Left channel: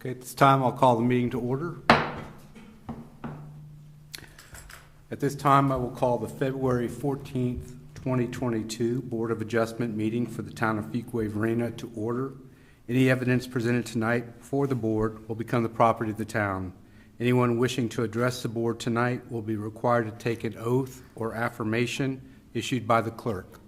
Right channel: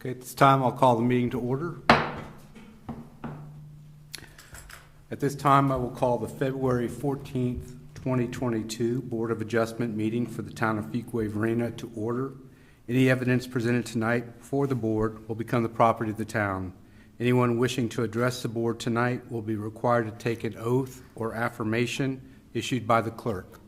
Okay, at this time, I'll call the meeting to order. At this time, I will call the February 14th, 2022 Board of Adjustment meeting for the town of Fuquay-Varina to order. Any evidence presented tonight for the board will become the property of the town. Anyone wishing to address the board tonight will be required to take an oath or affirmation issued by the clerk.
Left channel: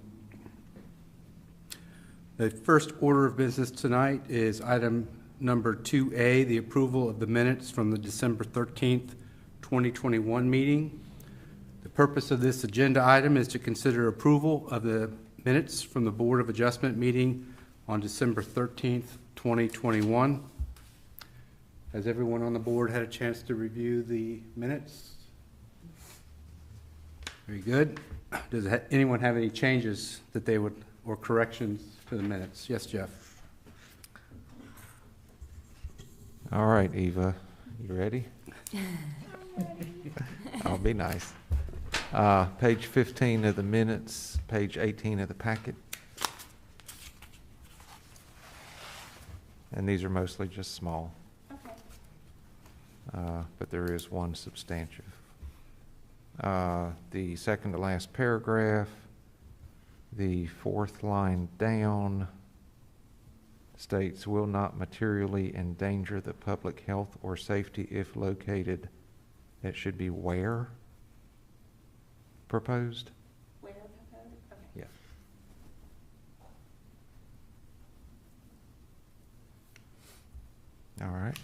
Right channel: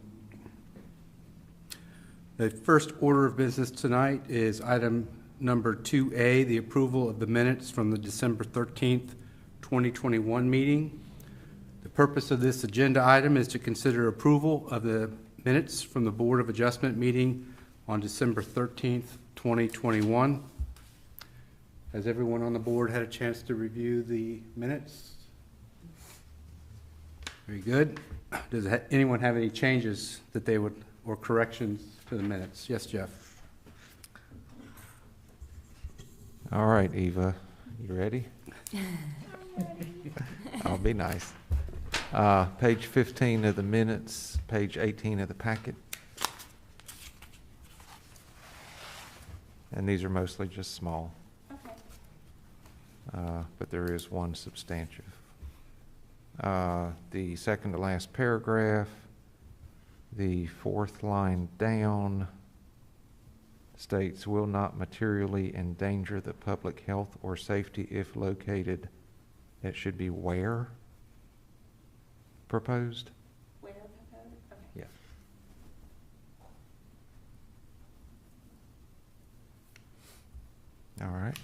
The first order of business tonight is item number 2A, the approval of the minutes from the December 13th, 2021 meeting. The purpose of this agenda item is to consider approval of the minutes from the Board of Adjustment meeting on December 13th, 2021. Has everyone on the board had a chance to review the minutes? Very good. Does anyone have any changes that they would, or corrections to the minutes? Yes, Jeff. All right, Eva, you ready? I'll be nice. Page 15 of the minutes, page 18 of the packet. And these are mostly just small. But there is one substantive. The second to last paragraph, the fourth line down, states will not materially endanger the public health or safety if located. That should be where proposed. Where proposed? Okay. Yeah. All right.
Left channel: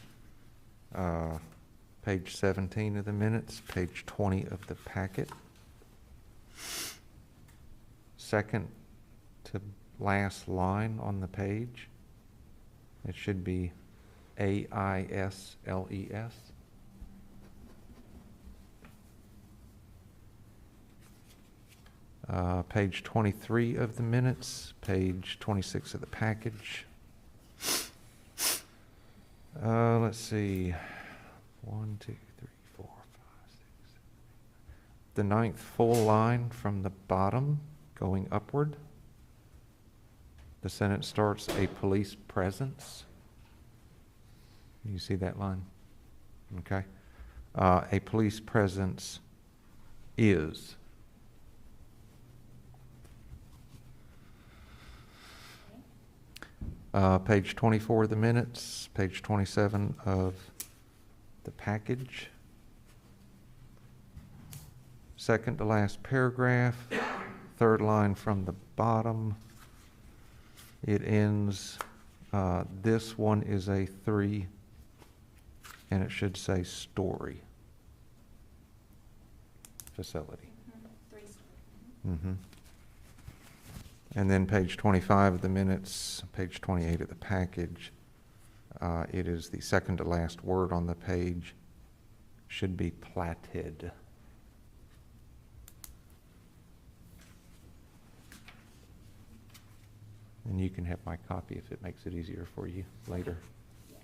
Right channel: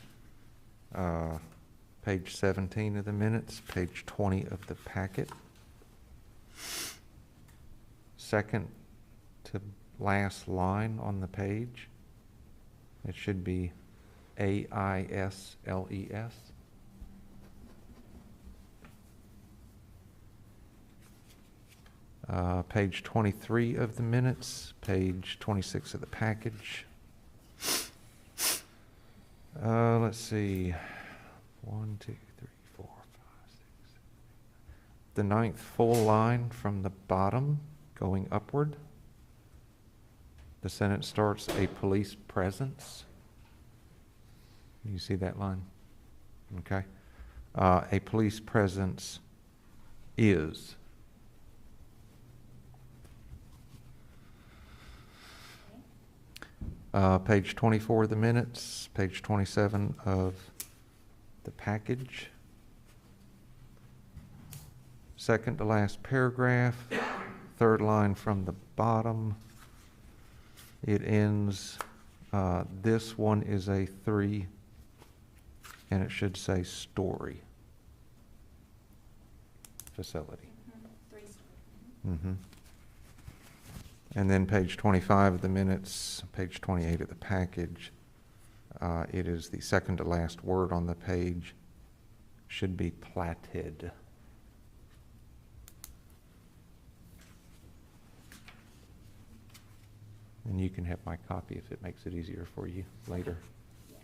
Page 17 of the minutes, page 20 of the packet. Second to last line on the page. It should be AISLES. Page 23 of the minutes, page 26 of the package. Let's see. 1, 2, 3, 4, 5, 6. The ninth full line from the bottom going upward. The sentence starts, a police presence. You see that line? Okay. A police presence is. Page 24 of the minutes, page 27 of the package. Second to last paragraph, third line from the bottom. It ends, this one is a 3, and it should say story. Facility. 3 story. Mm-hmm. And then page 25 of the minutes, page 28 of the package. It is the second to last word on the page. Should be platted. And you can have my copy if it makes it easier for you later. Yes.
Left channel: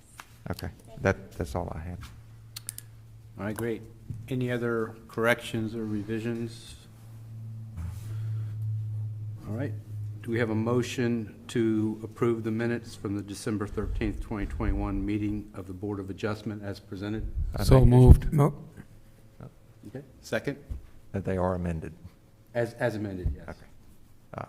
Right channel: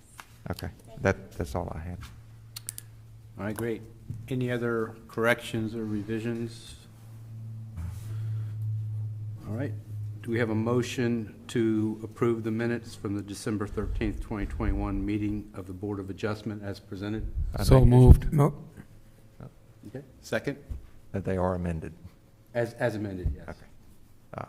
Okay, that's all I have. All right, great. Any other corrections or revisions? All right. Do we have a motion to approve the minutes from the December 13th, 2021 meeting of the Board of Adjustment as presented? So moved. No. Okay. Second? That they are amended. As amended, yes. Okay.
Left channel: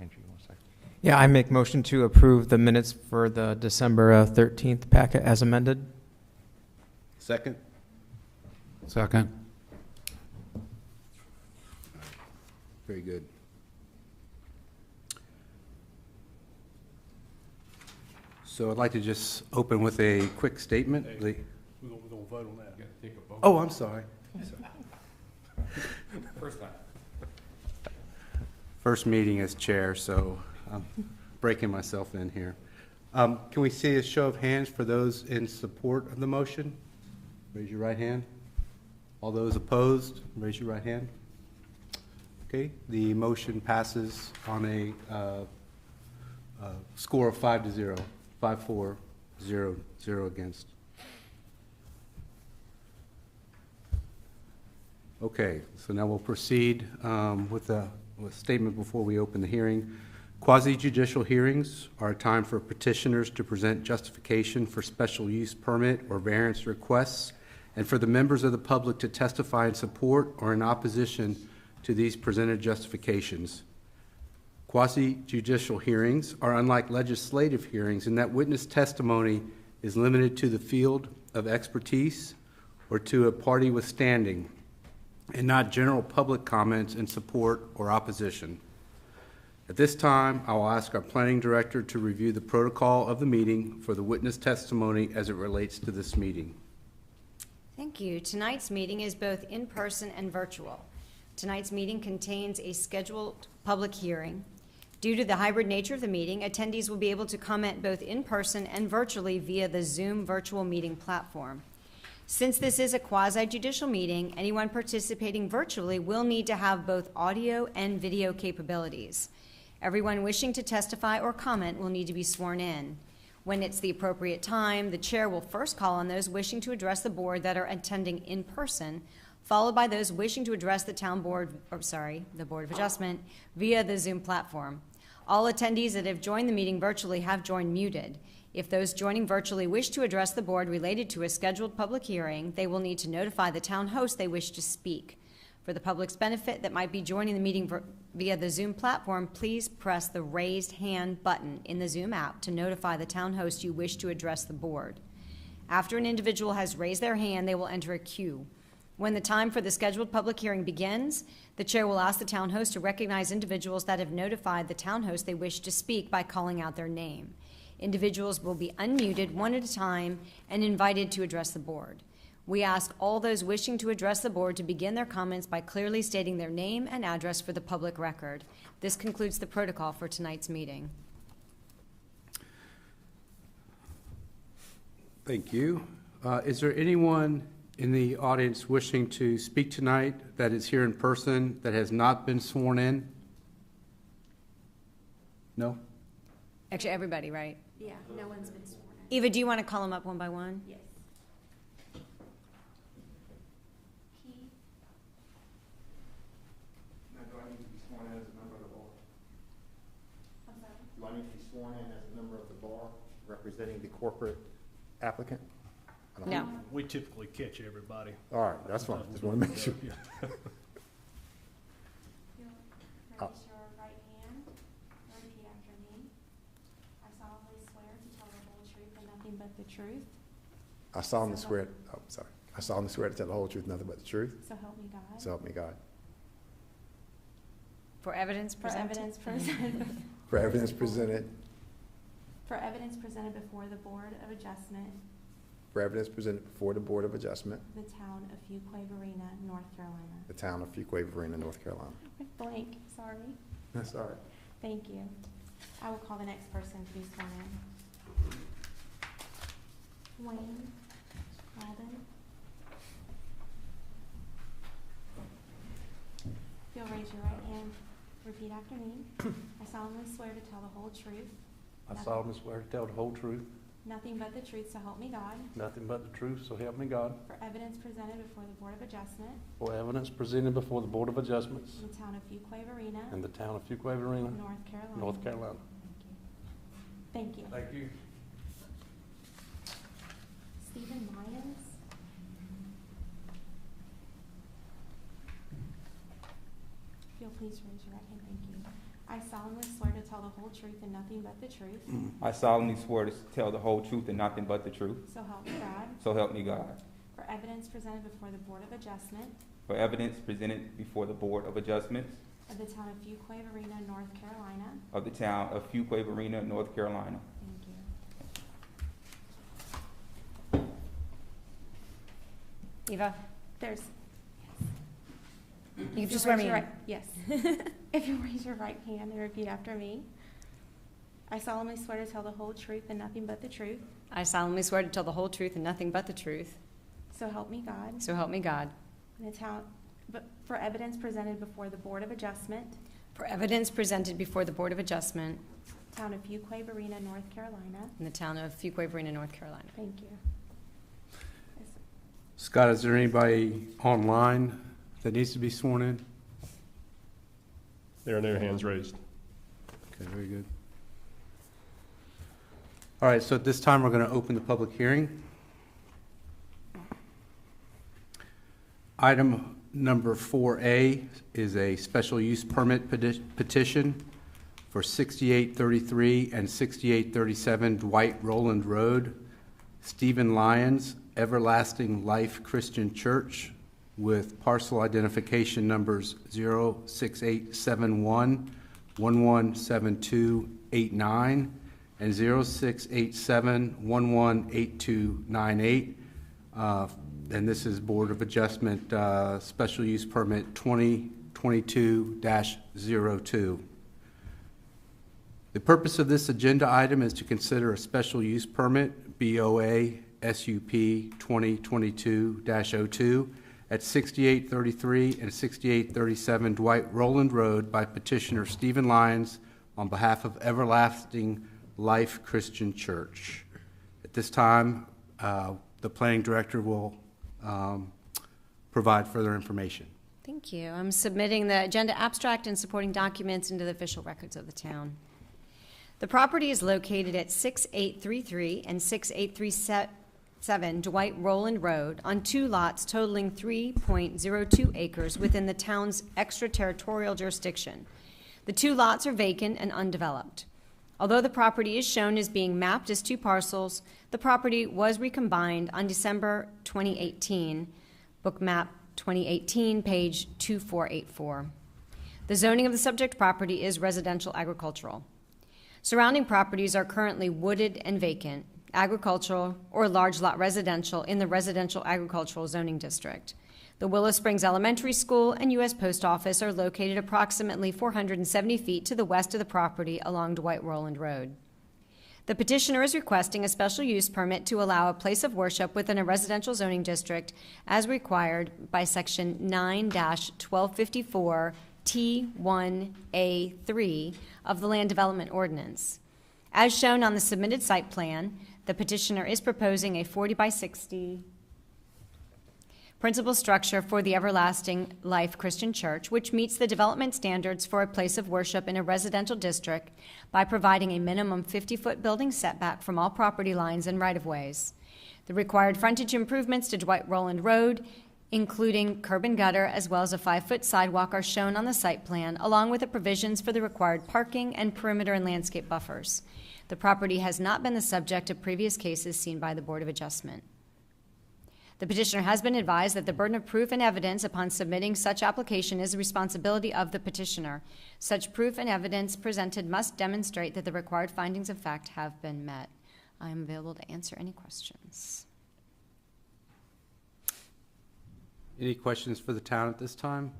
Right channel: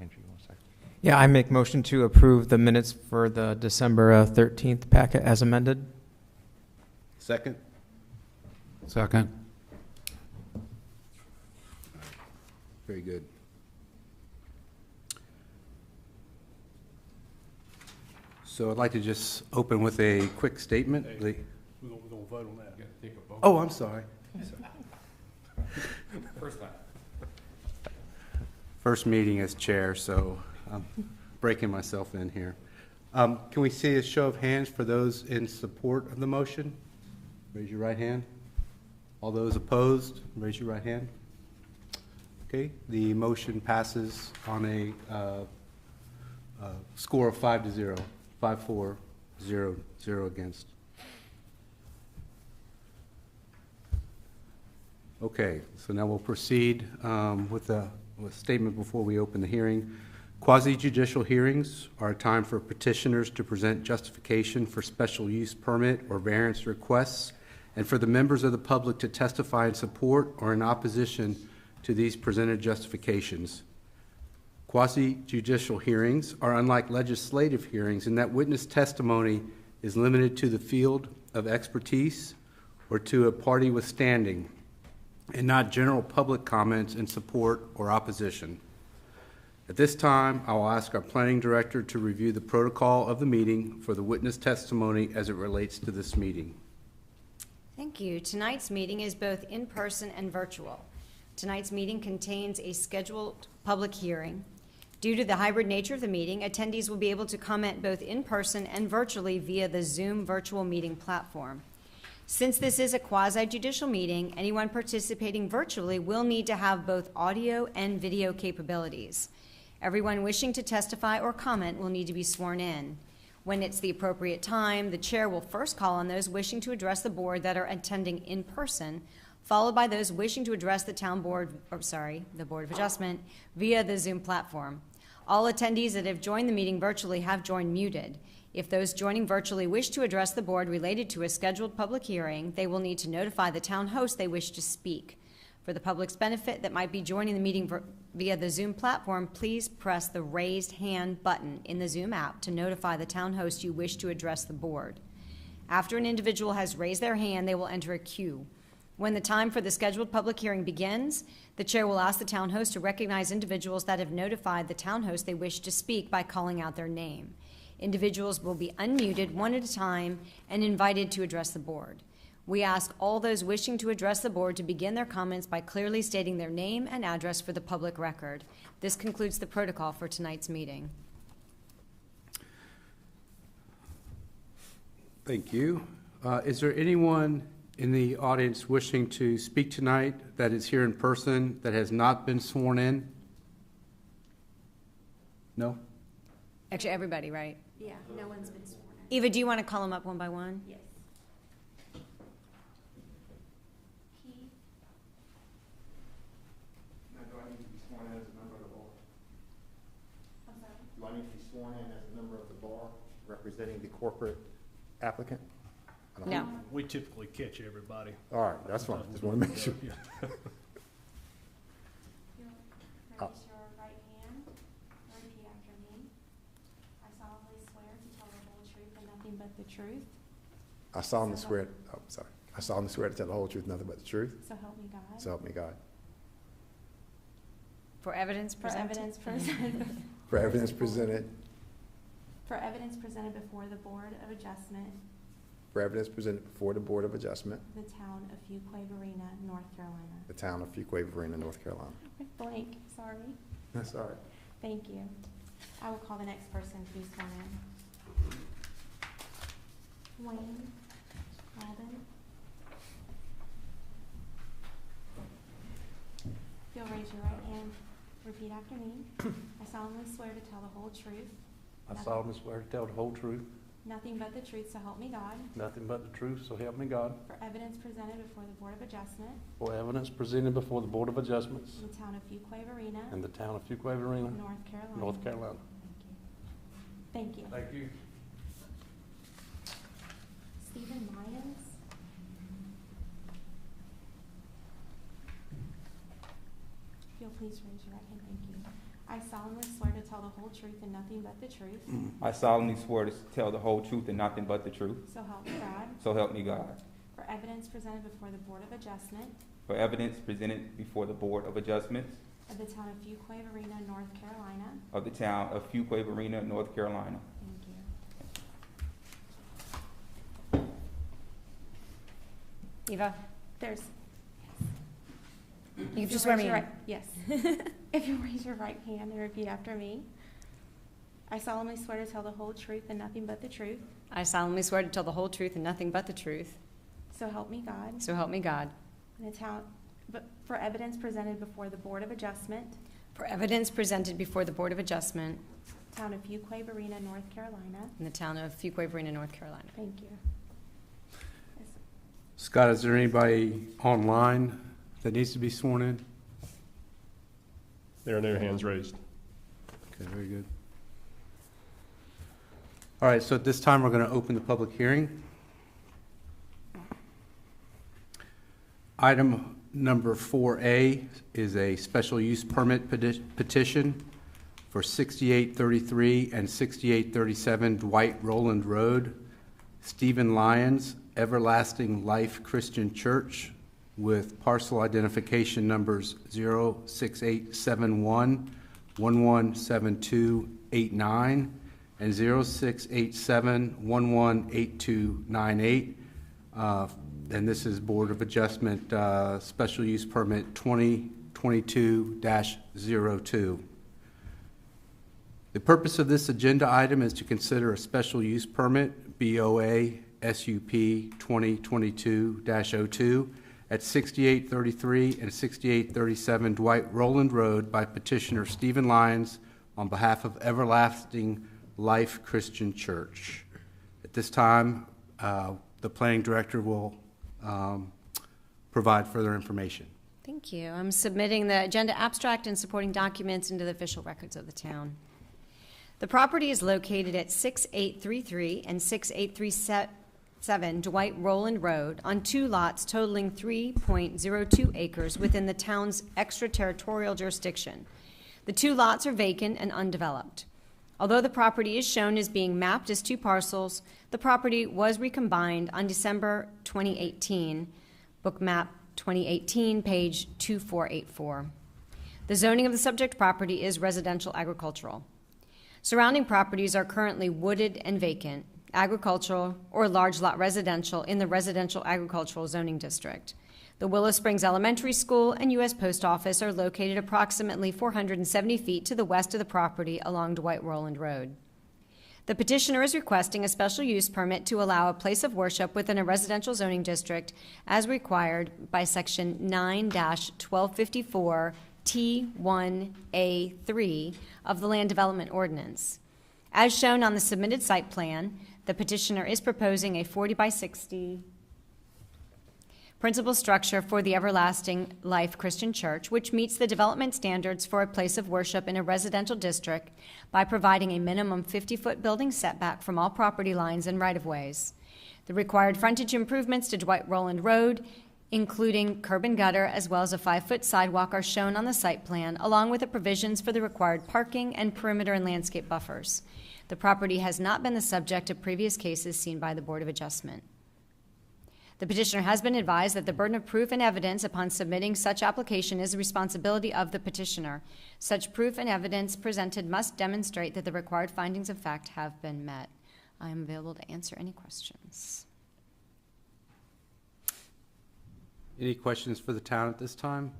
Andrew, you want to say? Yeah, I make motion to approve the minutes for the December 13th packet as amended. Second? Second. Very good. So I'd like to just open with a quick statement. We're going to vote on that. Take a vote. Oh, I'm sorry. First time. First meeting as chair, so I'm breaking myself in here. Can we see a show of hands for those in support of the motion? Raise your right hand. All those opposed, raise your right hand. Okay, the motion passes on a score of 5-0. 5-4, 0 against. Okay, so now we'll proceed with a statement before we open the hearing. Quasi-judicial hearings are a time for petitioners to present justification for special use permit or variance requests, and for the members of the public to testify in support or in opposition to these presented justifications. Quasi-judicial hearings are unlike legislative hearings in that witness testimony is limited to the field of expertise or to a party with standing, and not general public comments in support or opposition. At this time, I will ask our planning director to review the protocol of the meeting for the witness testimony as it relates to this meeting. Thank you. Tonight's meeting is both in person and virtual. Tonight's meeting contains a scheduled public hearing. Due to the hybrid nature of the meeting, attendees will be able to comment both in person and virtually via the Zoom virtual meeting platform. Since this is a quasi-judicial meeting, anyone participating virtually will need to have both audio and video capabilities. Everyone wishing to testify or comment will need to be sworn in. When it's the appropriate time, the chair will first call on those wishing to address the board that are attending in person, followed by those wishing to address the the Board of Adjustment via the Zoom platform. All attendees that have joined the meeting virtually have joined muted. If those joining virtually wish to address the board related to a scheduled public hearing, they will need to notify the town host they wish to speak. For the public's benefit that might be joining the meeting via the Zoom platform, please press the raised hand button in the Zoom app to notify the town host you wish to address the board. After an individual has raised their hand, they will enter a queue. When the time for the scheduled public hearing begins, the chair will ask the town host to recognize individuals that have notified the town host they wish to speak by calling out their name. Individuals will be unmuted one at a time and invited to address the board. We ask all those wishing to address the board to begin their comments by clearly stating their name and address for the public record. This concludes the protocol for tonight's meeting. Thank you. Is there anyone in the audience wishing to speak tonight that is here in person that has not been sworn in? No? Actually, everybody, right? Yeah, no one's been sworn in. Eva, do you want to call them up one by one? Yes. Keith, Now, do I need to be sworn in as a member of the bar? I'm sorry. Do I need to be sworn in as a member of the bar representing the corporate applicant? I don't No. know. We typically catch everybody. All right, that's fine. Just want to make sure. Yeah. You'll raise your right hand, repeat after me. I solemnly swear to tell the whole truth and nothing but the truth, I solemnly swear, I solemnly swear to tell the whole truth, nothing but the truth. so help me God. So help me God. For evidence For presented? evidence presented, For evidence presented, for evidence presented before the Board of Adjustment for evidence presented before the Board of Adjustment, of the town of Fuquay-Varina, North Carolina. the town of Fuquay-Varina, North Carolina. Blank, sorry. That's all right. Thank you. I will call the next person to be sworn in. Wayne Alden. You'll raise your right hand. Repeat after me. I solemnly swear to tell the whole truth, I solemnly swear to tell the whole truth, nothing but the truth, so help me God. nothing but the truth, so help me God. For evidence presented before the Board of Adjustment For evidence presented before the Board of Adjustments in the town of Fuquay-Varina, in the town of Fuquay-Varina, North Carolina. North Carolina. Thank you. Thank you. Stephen Lyons. If you'll please raise your right hand, thank you. I solemnly swear to tell the whole truth and nothing but the truth, I solemnly swear to tell the whole truth and nothing but the truth. so help me God. So help me God. For evidence presented before the Board of Adjustment For evidence presented before the Board of Adjustments of the town of Fuquay-Varina, North Carolina. of the town of Fuquay-Varina, North Carolina. Thank you. Eva, There's. you If can just you swear raise me your in. right- Yes. If you raise your right hand and repeat after me. I solemnly swear to tell the whole truth and nothing but the truth, I solemnly swear to tell the whole truth and nothing but the truth. so help me God. So help me God. In the town, but for evidence presented before the Board of Adjustment, For evidence presented before the Board of Adjustment town of Fuquay-Varina, North Carolina. in the town of Fuquay-Varina, North Carolina. Thank you. Scott, is there anybody online that needs to be sworn in? There are their hands raised. Okay, very good. All right, so at this time, we're going to open the public hearing. Item number 4A is a special use permit petition for 6833 and 6837 Dwight Rowland Road, Stephen Lyons, Everlasting Life Christian Church, with parcel identification numbers 06871 117289 and 0687 118298. And this is Board of Adjustment Special Use Permit 2022-02. The purpose of this agenda item is to consider a special use permit, BOA SUP 2022-02, at 6833 and 6837 Dwight Rowland Road by petitioner Stephen Lyons on behalf of Everlasting Life Christian Church. At this time, the planning director will provide further information. Thank you. I'm submitting the agenda abstract and supporting documents into the official records of the town. The property is located at 6833 and 6837 Dwight Rowland Road on 2 lots totaling 3.02 acres within the town's extraterritorial jurisdiction. The 2 lots are vacant and undeveloped. Although the property is shown as being mapped as 2 parcels, the property was recombined on December 2018, Book Map 2018, page 2484. The zoning of the subject property is residential agricultural. Surrounding properties are currently wooded and vacant, agricultural or large lot residential in the residential agricultural zoning district. The Willow Springs Elementary School and U.S. Post Office are located approximately 470 feet to the west of the property along Dwight Rowland Road. The petitioner is requesting a special use permit to allow a place of worship within a residential zoning district as required by Section 9-1254 T1A3 of the Land Development Ordinance. As shown on the submitted site plan, the petitioner is proposing a 40 by 60 principal structure for the Everlasting Life Christian Church, which meets the development standards for a place of worship in a residential district by providing a minimum 50-foot building setback from all property lines and right-of-ways. The required frontage improvements to Dwight Rowland Road, including curb and gutter, as well as a 5-foot sidewalk, are shown on the site plan, along with the provisions for the required parking and perimeter and landscape buffers. The property has not been the subject of previous cases seen by the Board of Adjustment. The petitioner has been advised that the burden of proof and evidence upon submitting such application is the responsibility of the petitioner. Such proof and evidence presented must demonstrate that the required findings of fact have been met. I am available to answer any questions. Any questions for the town at this time?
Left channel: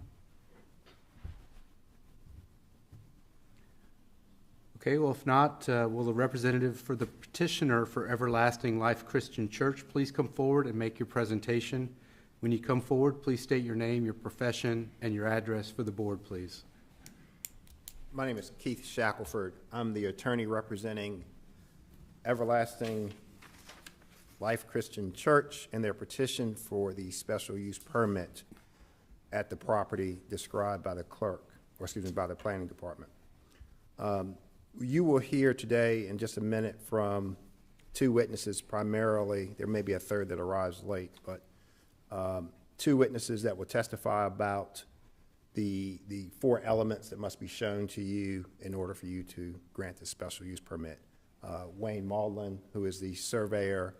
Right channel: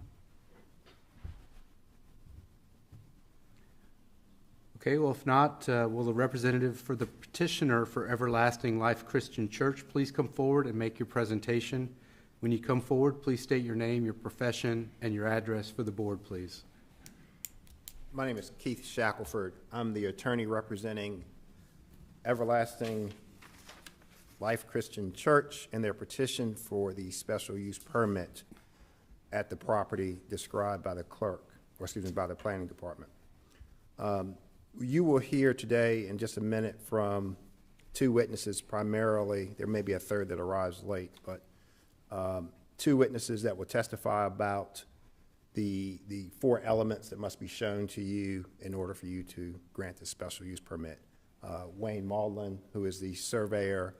Okay, well, if not, will the representative for the petitioner for Everlasting Life Christian Church please come forward and make your presentation? When you come forward, please state your name, your profession, and your address for the board, please. My name is Keith Shackelford. I'm the attorney representing Everlasting Life Christian Church and their petition for the special use permit at the property described by the clerk, or excuse me, by the planning department. You will hear today in just a minute from 2 witnesses primarily. There may be a third that arrives late, but 2 witnesses that will testify about the 4 elements that must be shown to you in order for you to grant the special use permit. Wayne Maudlin, who is the surveyor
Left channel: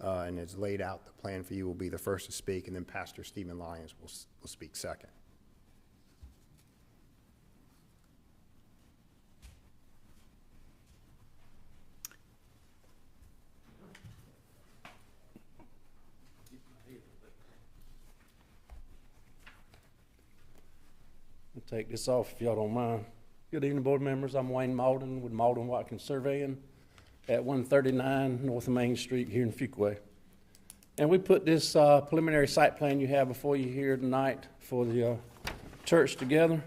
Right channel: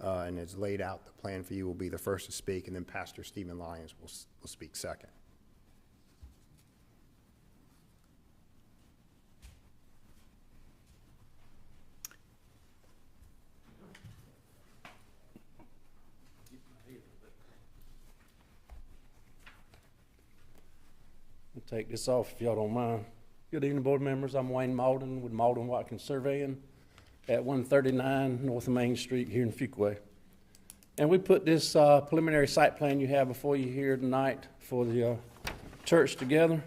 and has laid out the plan for you, will be the first to speak, and then Pastor Stephen Lyons will speak second. I'll take this off if y'all don't mind. Good evening, board members. I'm Wayne Malden with Malden Watkins Surveying at 139 North Main Street here in Fuquay. And we put this preliminary site plan you have before you here tonight for the church together.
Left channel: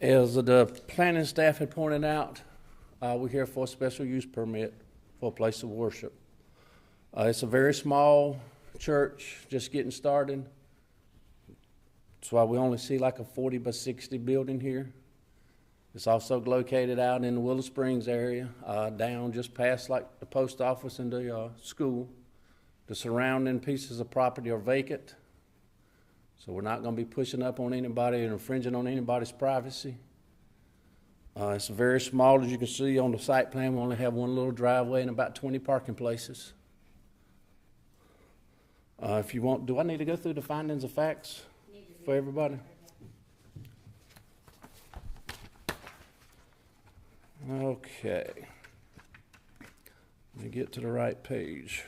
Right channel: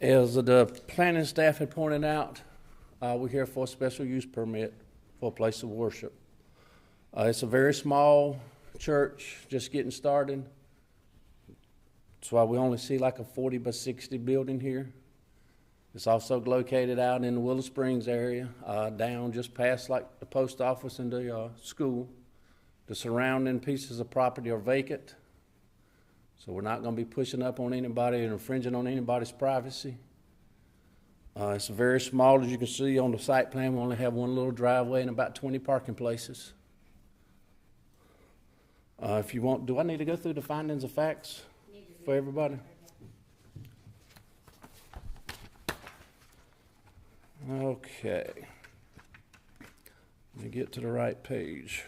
As the planning staff had pointed out, we're here for a special use permit for a place of worship. It's a very small church, just getting started. That's why we only see like a 40 by 60 building here. It's also located out in the Willow Springs area, down just past like the post office and the school. The surrounding pieces of property are vacant, so we're not going to be pushing up on anybody or infringing on anybody's privacy. It's very small, as you can see on the site plan. We only have one little driveway and about 20 parking places. If you want, do I need to go through the findings of facts for everybody? Okay. Let me get to the right page.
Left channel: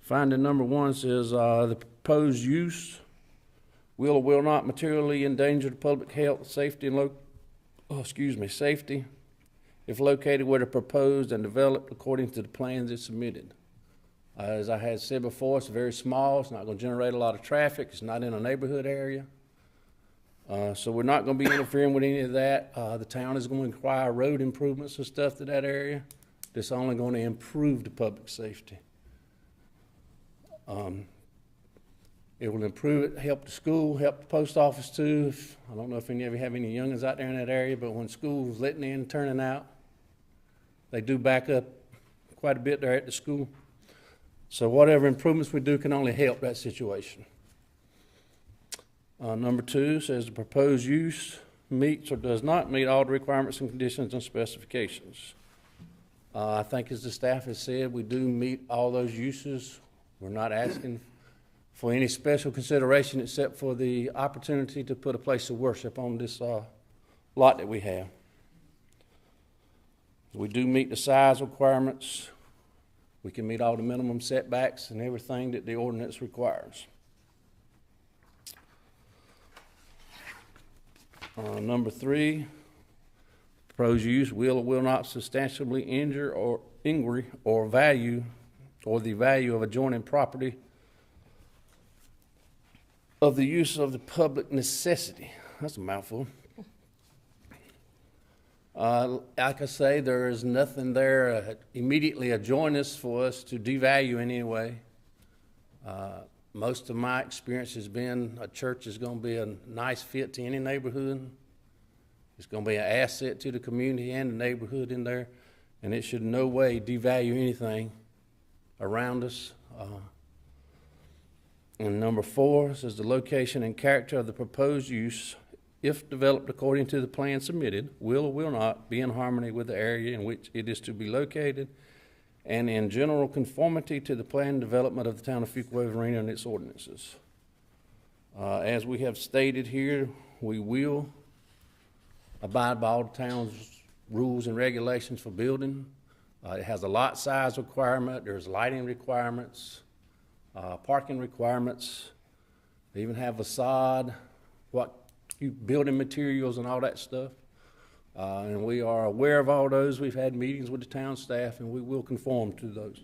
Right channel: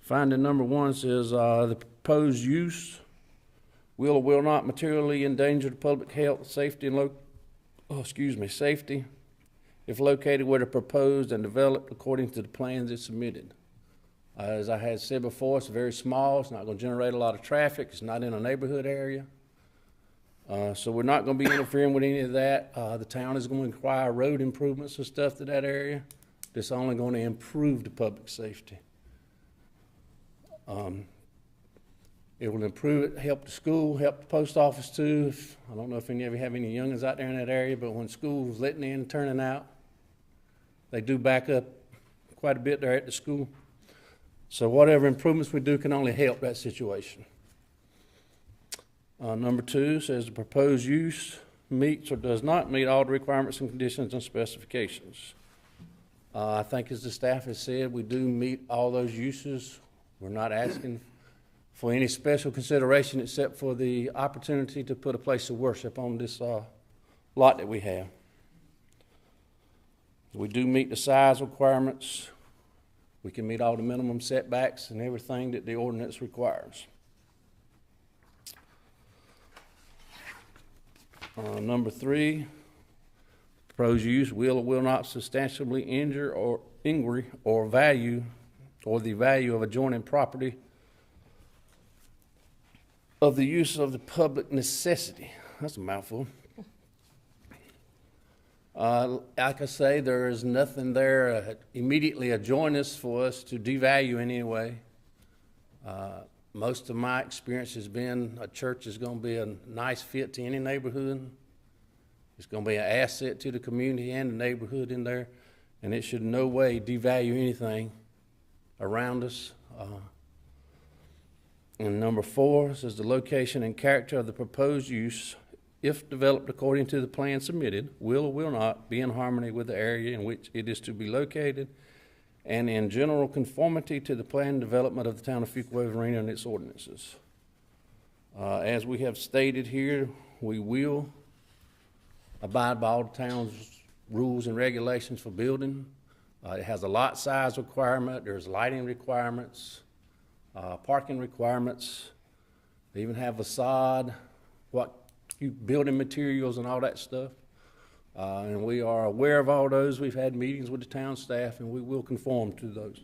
Finding number 1 says the proposed use will or will not materially endanger the public health, safety, and safety if located where they're proposed and developed according to the plans that's submitted. As I had said before, it's very small. It's not going to generate a lot of traffic. It's not in a neighborhood area. So we're not going to be interfering with any of that. The town is going to require road improvements and stuff to that area. That's only going to improve the public safety. It will improve it, help the school, help the post office too. I don't know if any of you have any youngins out there in that area, but when school's letting in and turning out, they do back up quite a bit there at the school. So whatever improvements we do can only help that situation. Number 2 says the proposed use meets or does not meet all the requirements and conditions and specifications. I think as the staff has said, we do meet all those uses. We're not asking for any special consideration except for the opportunity to put a place of worship on this lot that we have. We do meet the size requirements. We can meet all the minimum setbacks and everything that the ordinance requires. Number 3, proposed use will or will not substantially injure or injury or value or the value of adjoining property of the use of the public necessity. That's a mouthful. Like I say, there is nothing there immediately adjoining us for us to devalue in any way. Most of my experience has been a church is going to be a nice fit to any neighborhood. It's going to be an asset to the community and the neighborhood in there, and it should in no way devalue anything around us. And number 4 says the location and character of the proposed use, if developed according to the plan submitted, will or will not be in harmony with the area in which it is to be located and in general conformity to the planned development of the town of Fuquay-Varina and its ordinances. As we have stated here, we will abide by all the town's rules and regulations for building. It has a lot size requirement, there's lighting requirements, parking requirements. They even have facade, building materials and all that stuff. And we are aware of all those. We've had meetings with the town staff, and we will conform to those.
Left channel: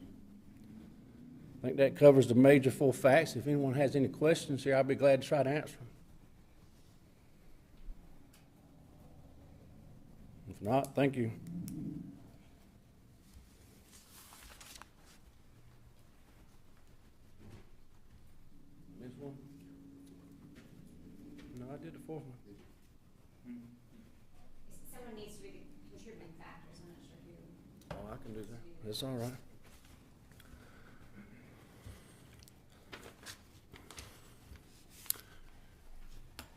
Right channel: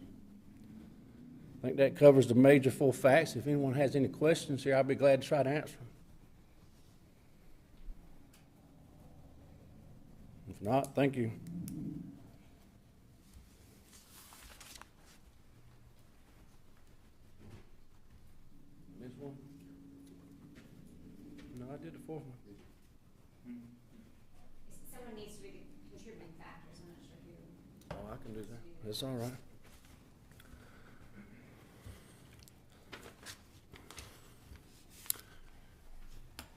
I think that covers the major 4 facts. If anyone has any questions here, I'll be glad to try to answer them. If not, thank you. This one? No, I did the 4th one. Someone needs to be contributing factors. I'm not sure who. Oh, I can do that. That's all right.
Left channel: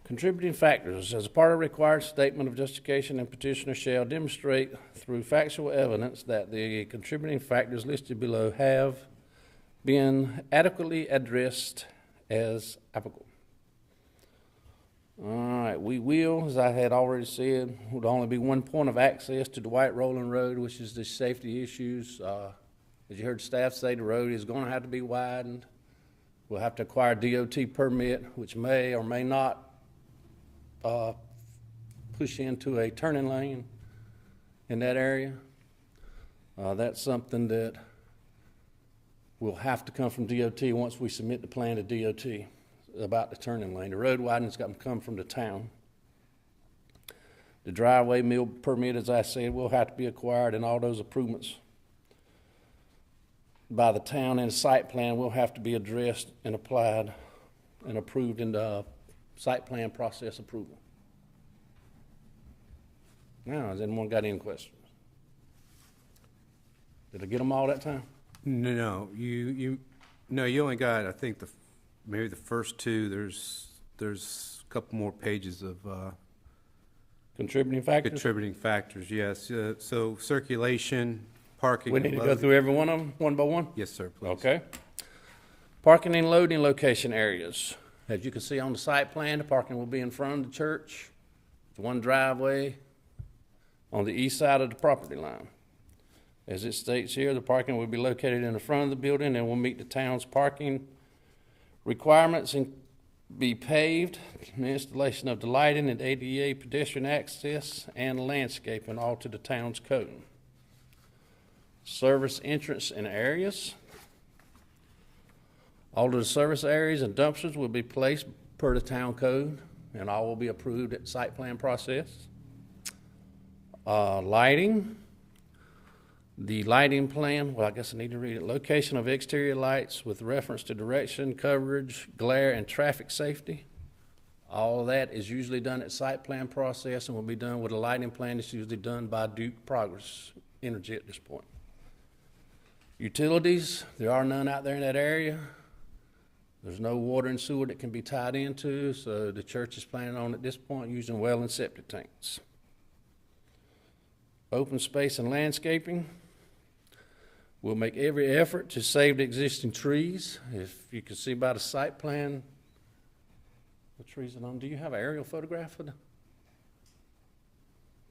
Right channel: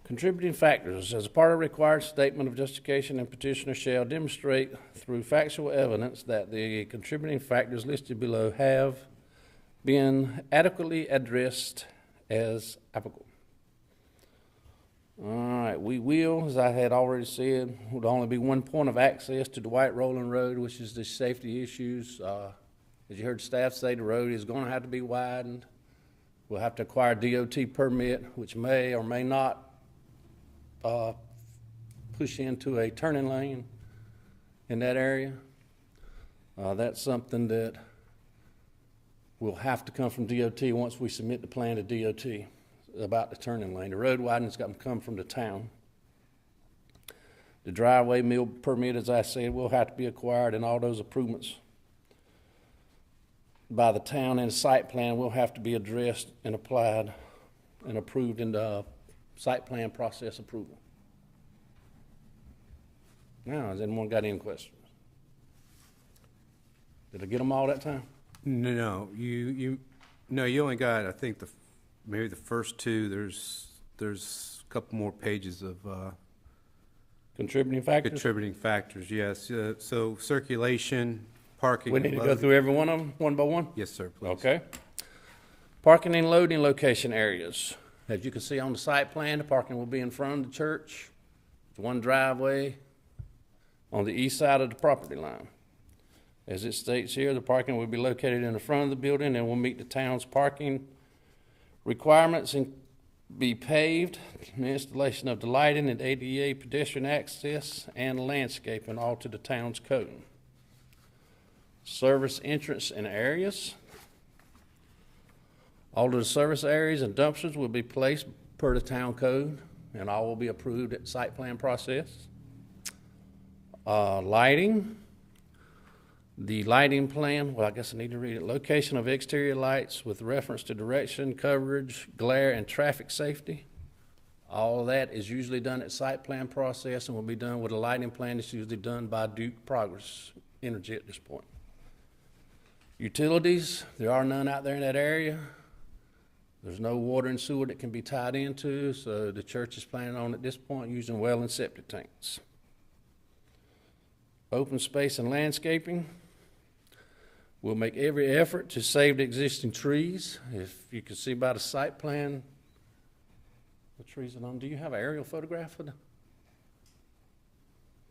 Contributing factors. As a part of required statement of justification, and petitioner shall demonstrate through factual evidence that the contributing factors listed below have been adequately addressed as applicable. All right, we will, as I had already said, would only be one point of access to the White Rolling Road, which is the safety issues. As you heard staff say, the road is going to have to be widened. We'll have to acquire a DOT permit, which may or may not push into a turning lane in that area. That's something that will have to come from DOT once we submit the plan to DOT about the turning lane. The road widening's got to come from the town. The driveway mill permit, as I said, will have to be acquired, and all those improvements by the town and the site plan will have to be addressed and applied and approved in the site plan process approval. Now, has anyone got any questions? Did I get them all that time? No, you only got, I think, maybe the first two. There's a couple more pages of Contributing factors? contributing factors, yes. So circulation, parking. We need to go through every one of them, one by one? Yes, sir, please. Okay. Parking and loading location areas. As you can see on the site plan, the parking will be in front of the church. It's one driveway on the east side of the property line. As it states here, the parking will be located in the front of the building and will meet the town's parking requirements and be paved, the installation of the lighting and ADA pedestrian access and landscaping, all to the town's code. Service entrance and areas. All of the service areas and dumpsters will be placed per the town code, and all will be approved at the site plan process. Lighting. The lighting plan, well, I guess I need to read it. Location of exterior lights with reference to direction, coverage, glare, and traffic safety. All of that is usually done at site plan process and will be done with a lighting plan that's usually done by Duke Progress Energy at this point. Utilities, there are none out there in that area. There's no water and sewer that can be tied into, so the church is planning on at this point using well and septic tanks. Open space and landscaping. We'll make every effort to save the existing trees. If you can see by the site plan, the trees are on. Do you have an aerial photograph of them?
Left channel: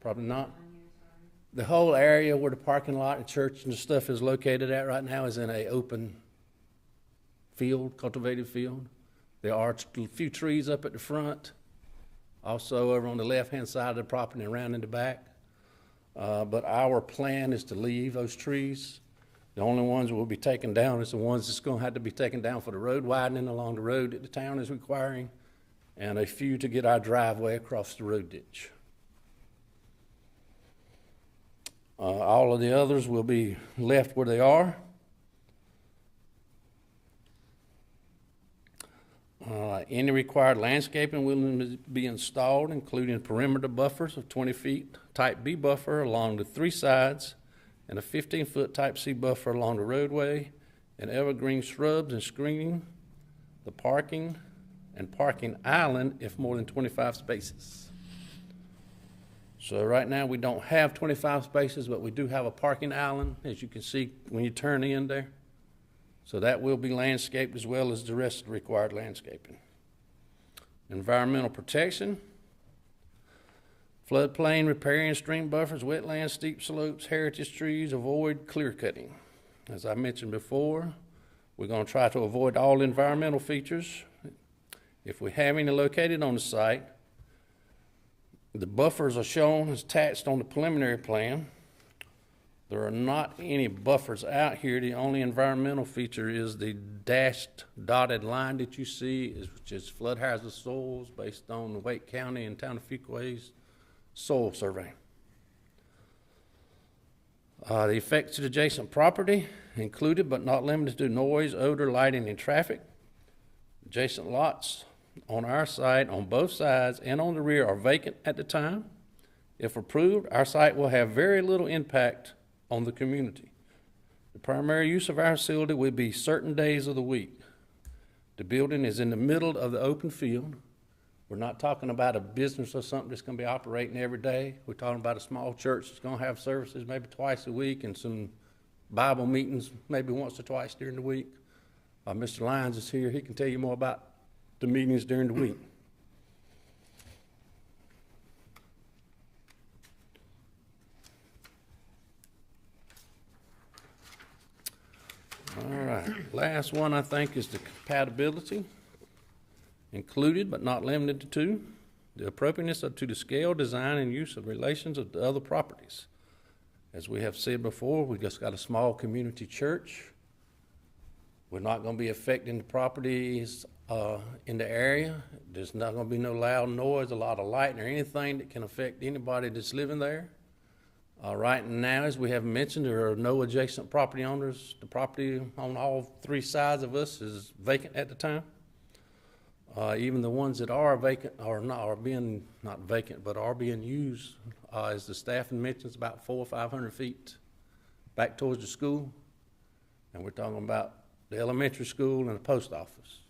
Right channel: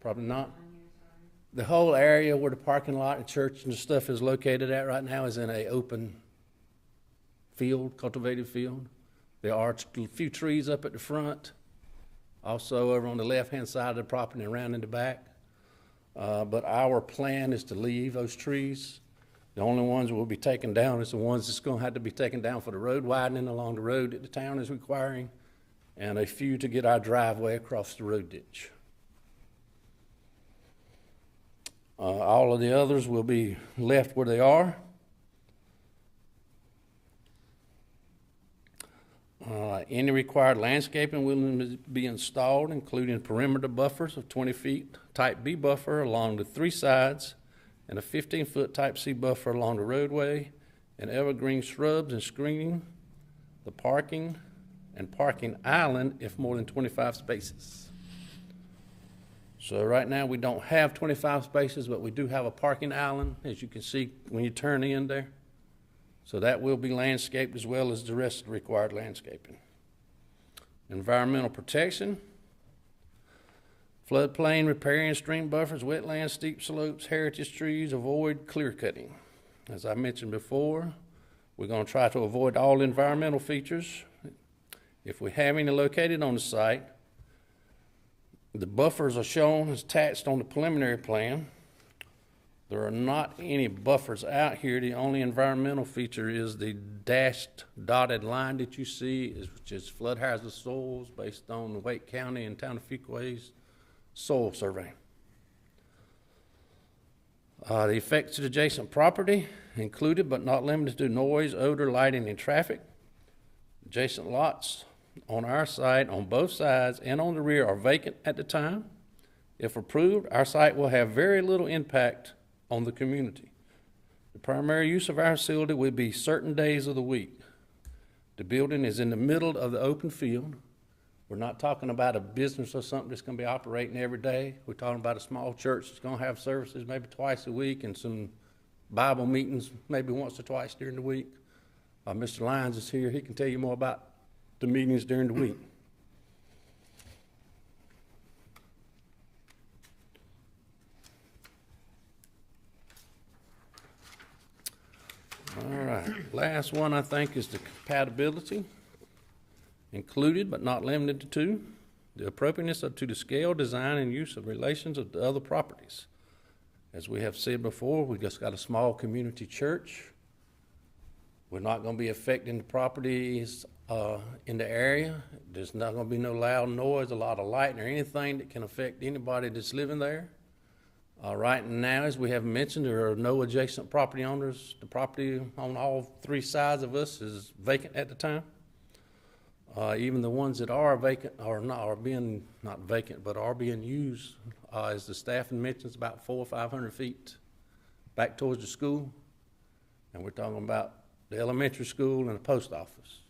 Probably not. The whole area where the parking lot and church and stuff is located at right now is in an open field, cultivated field. There are a few trees up at the front, also over on the left-hand side of the property and around in the back. But our plan is to leave those trees. The only ones that will be taken down is the ones that's going to have to be taken down for the road widening along the road that the town is requiring, and a few to get our driveway across the road ditch. All of the others will be left where they are. Any required landscaping will be installed, including perimeter buffers of 20 feet, type B buffer along the three sides, and a 15-foot type C buffer along the roadway, and evergreen shrubs and screening, the parking, and parking island if more than 25 spaces. So right now we don't have 25 spaces, but we do have a parking island, as you can see when you turn in there. So that will be landscaped as well as the rest of the required landscaping. Environmental protection. Floodplain, riparian stream buffers, wetlands, steep slopes, heritage trees, avoid clear cutting. As I mentioned before, we're going to try to avoid all environmental features. If we have any located on the site, the buffers are shown as attached on the preliminary plan. There are not any buffers out here. The only environmental feature is the dashed dotted line that you see, which is flood hazard soils based on the Wake County and Town of Fuquay's soil survey. The effects to the adjacent property included but not limited to noise, odor, lighting, and traffic. Adjacent lots on our site on both sides and on the rear are vacant at the time. If approved, our site will have very little impact on the community. The primary use of our facility will be certain days of the week. The building is in the middle of the open field. We're not talking about a business or something that's going to be operating every day. We're talking about a small church that's going to have services maybe twice a week and some Bible meetings maybe once or twice during the week. Mr. Lyons is here. He can tell you more about the meetings during the week. All right, last one I think is the compatibility. Included but not limited to the appropriateness to the scale, design, and use of relations of the other properties. As we have said before, we've just got a small community church. We're not going to be affecting the properties in the area. There's not going to be no loud noise, a lot of light, or anything that can affect anybody that's living there. Right now, as we have mentioned, there are no adjacent property owners. The property on all three sides of us is vacant at the time. Even the ones that are vacant are being not vacant, but are being used, as the staff mentions, about 400 or 500 feet back towards the school. And we're talking about the elementary school and the post office.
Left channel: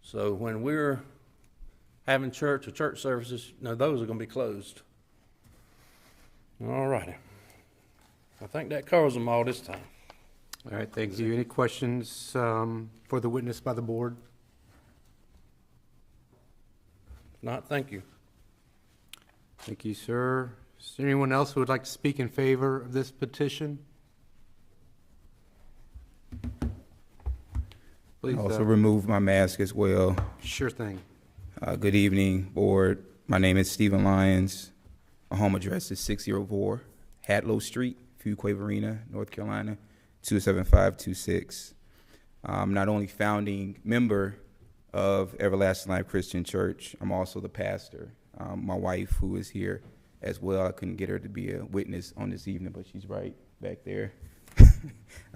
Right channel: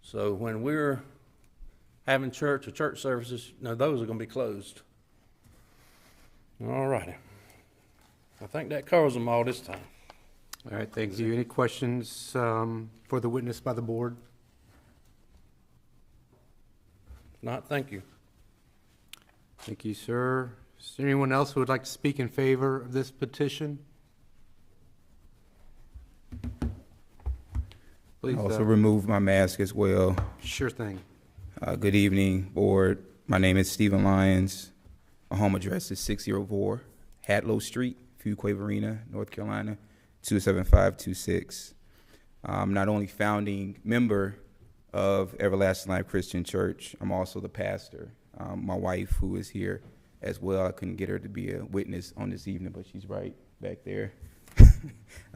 So when we're having church or church services, those are going to be closed. All righty. I think that covers them all this time. All right, thank you. Any questions for the witness by the board? If not, thank you. Thank you, sir. Is there anyone else who would like to speak in favor of this petition? Please. Also remove my mask as well. Sure thing. Good evening, board. My name is Stephen Lyons. My home address is 604 Hadlow Street, Fuquay-Varina, North Carolina, 27526. I'm not only founding member of Everlasting Life Christian Church, I'm also the pastor. My wife, who is here as well, I couldn't get her to be a witness on this evening, but she's right back there.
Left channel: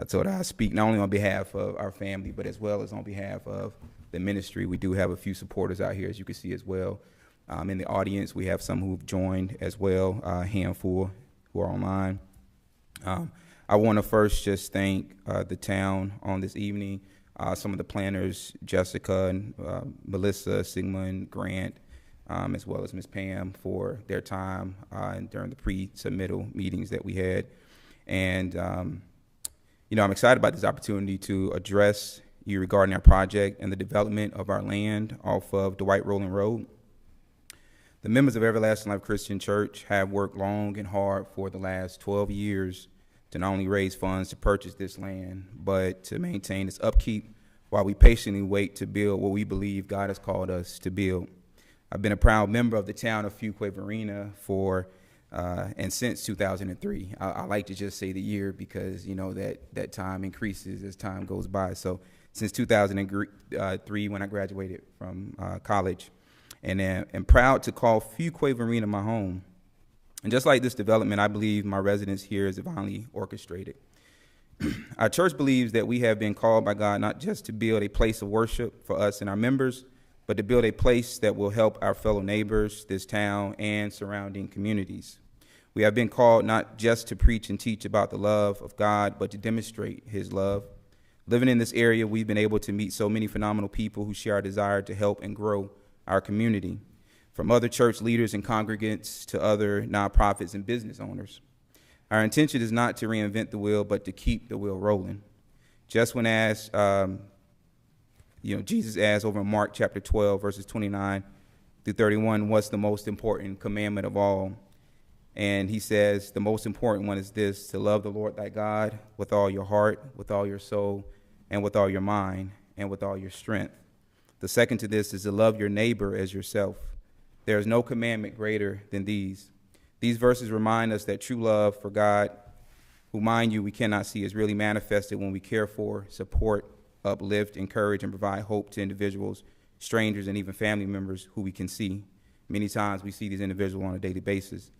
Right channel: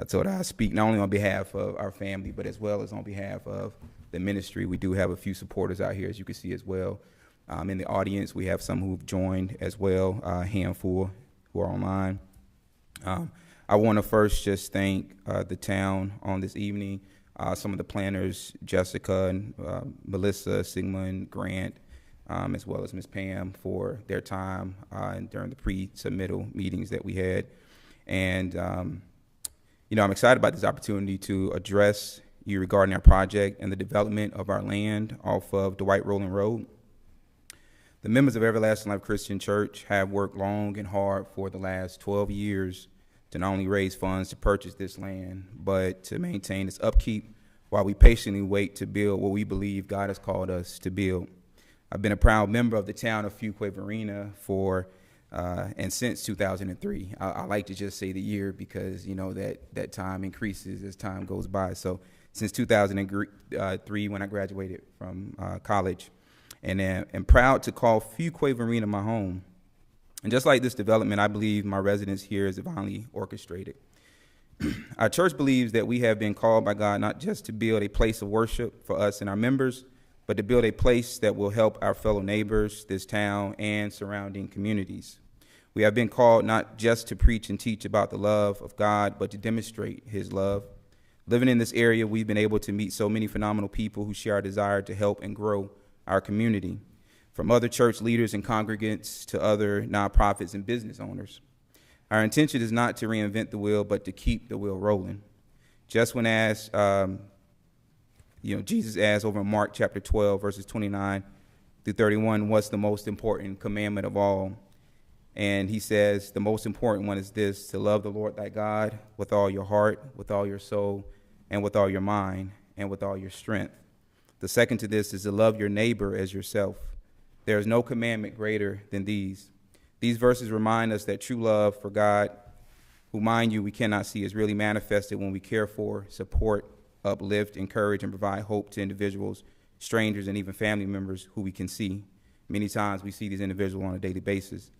I told her I speak not only on behalf of our family, but as well as on behalf of the ministry. We do have a few supporters out here, as you can see as well. In the audience, we have some who've joined as well, a handful who are online. I want to first just thank the town on this evening, some of the planners, Jessica and Melissa, Sigmund, Grant, as well as Ms. Pam for their time and during the pre-submittal meetings that we had. And, I'm excited about this opportunity to address you regarding our project and the development of our land off of Dwight Rowland Road. The members of Everlasting Life Christian Church have worked long and hard for the last 12 years to not only raise funds to purchase this land, but to maintain its upkeep while we patiently wait to build what we believe God has called us to build. I've been a proud member of the town of Fuquay-Varina and since 2003. I like to just say the year because, that time increases as time goes by. So since 2003, when I graduated from college, and am proud to call Fuquay-Varina my home. And just like this development, I believe my residence here is divinely orchestrated. Our church believes that we have been called by God not just to build a place of worship for us and our members, but to build a place that will help our fellow neighbors, this town, and surrounding communities. We have been called not just to preach and teach about the love of God, but to demonstrate his love. Living in this area, we've been able to meet so many phenomenal people who share our desire to help and grow our community, from other church leaders and congregants to other nonprofits and business owners. Our intention is not to reinvent the wheel, but to keep the wheel rolling. Just when asked, Jesus asked over in Mark chapter 12, verses 29 through 31, what's the most important commandment of all? And he says, the most important one is this, to love the Lord thy God with all your heart, with all your soul, and with all your mind, and with all your strength. The second to this is to love your neighbor as yourself. There is no commandment greater than these. These verses remind us that true love for God, who, mind you, we cannot see, is really manifested when we care for, support, uplift, encourage, and provide hope to individuals, strangers, and even family members who we can see. Many times we see these individuals on a daily basis.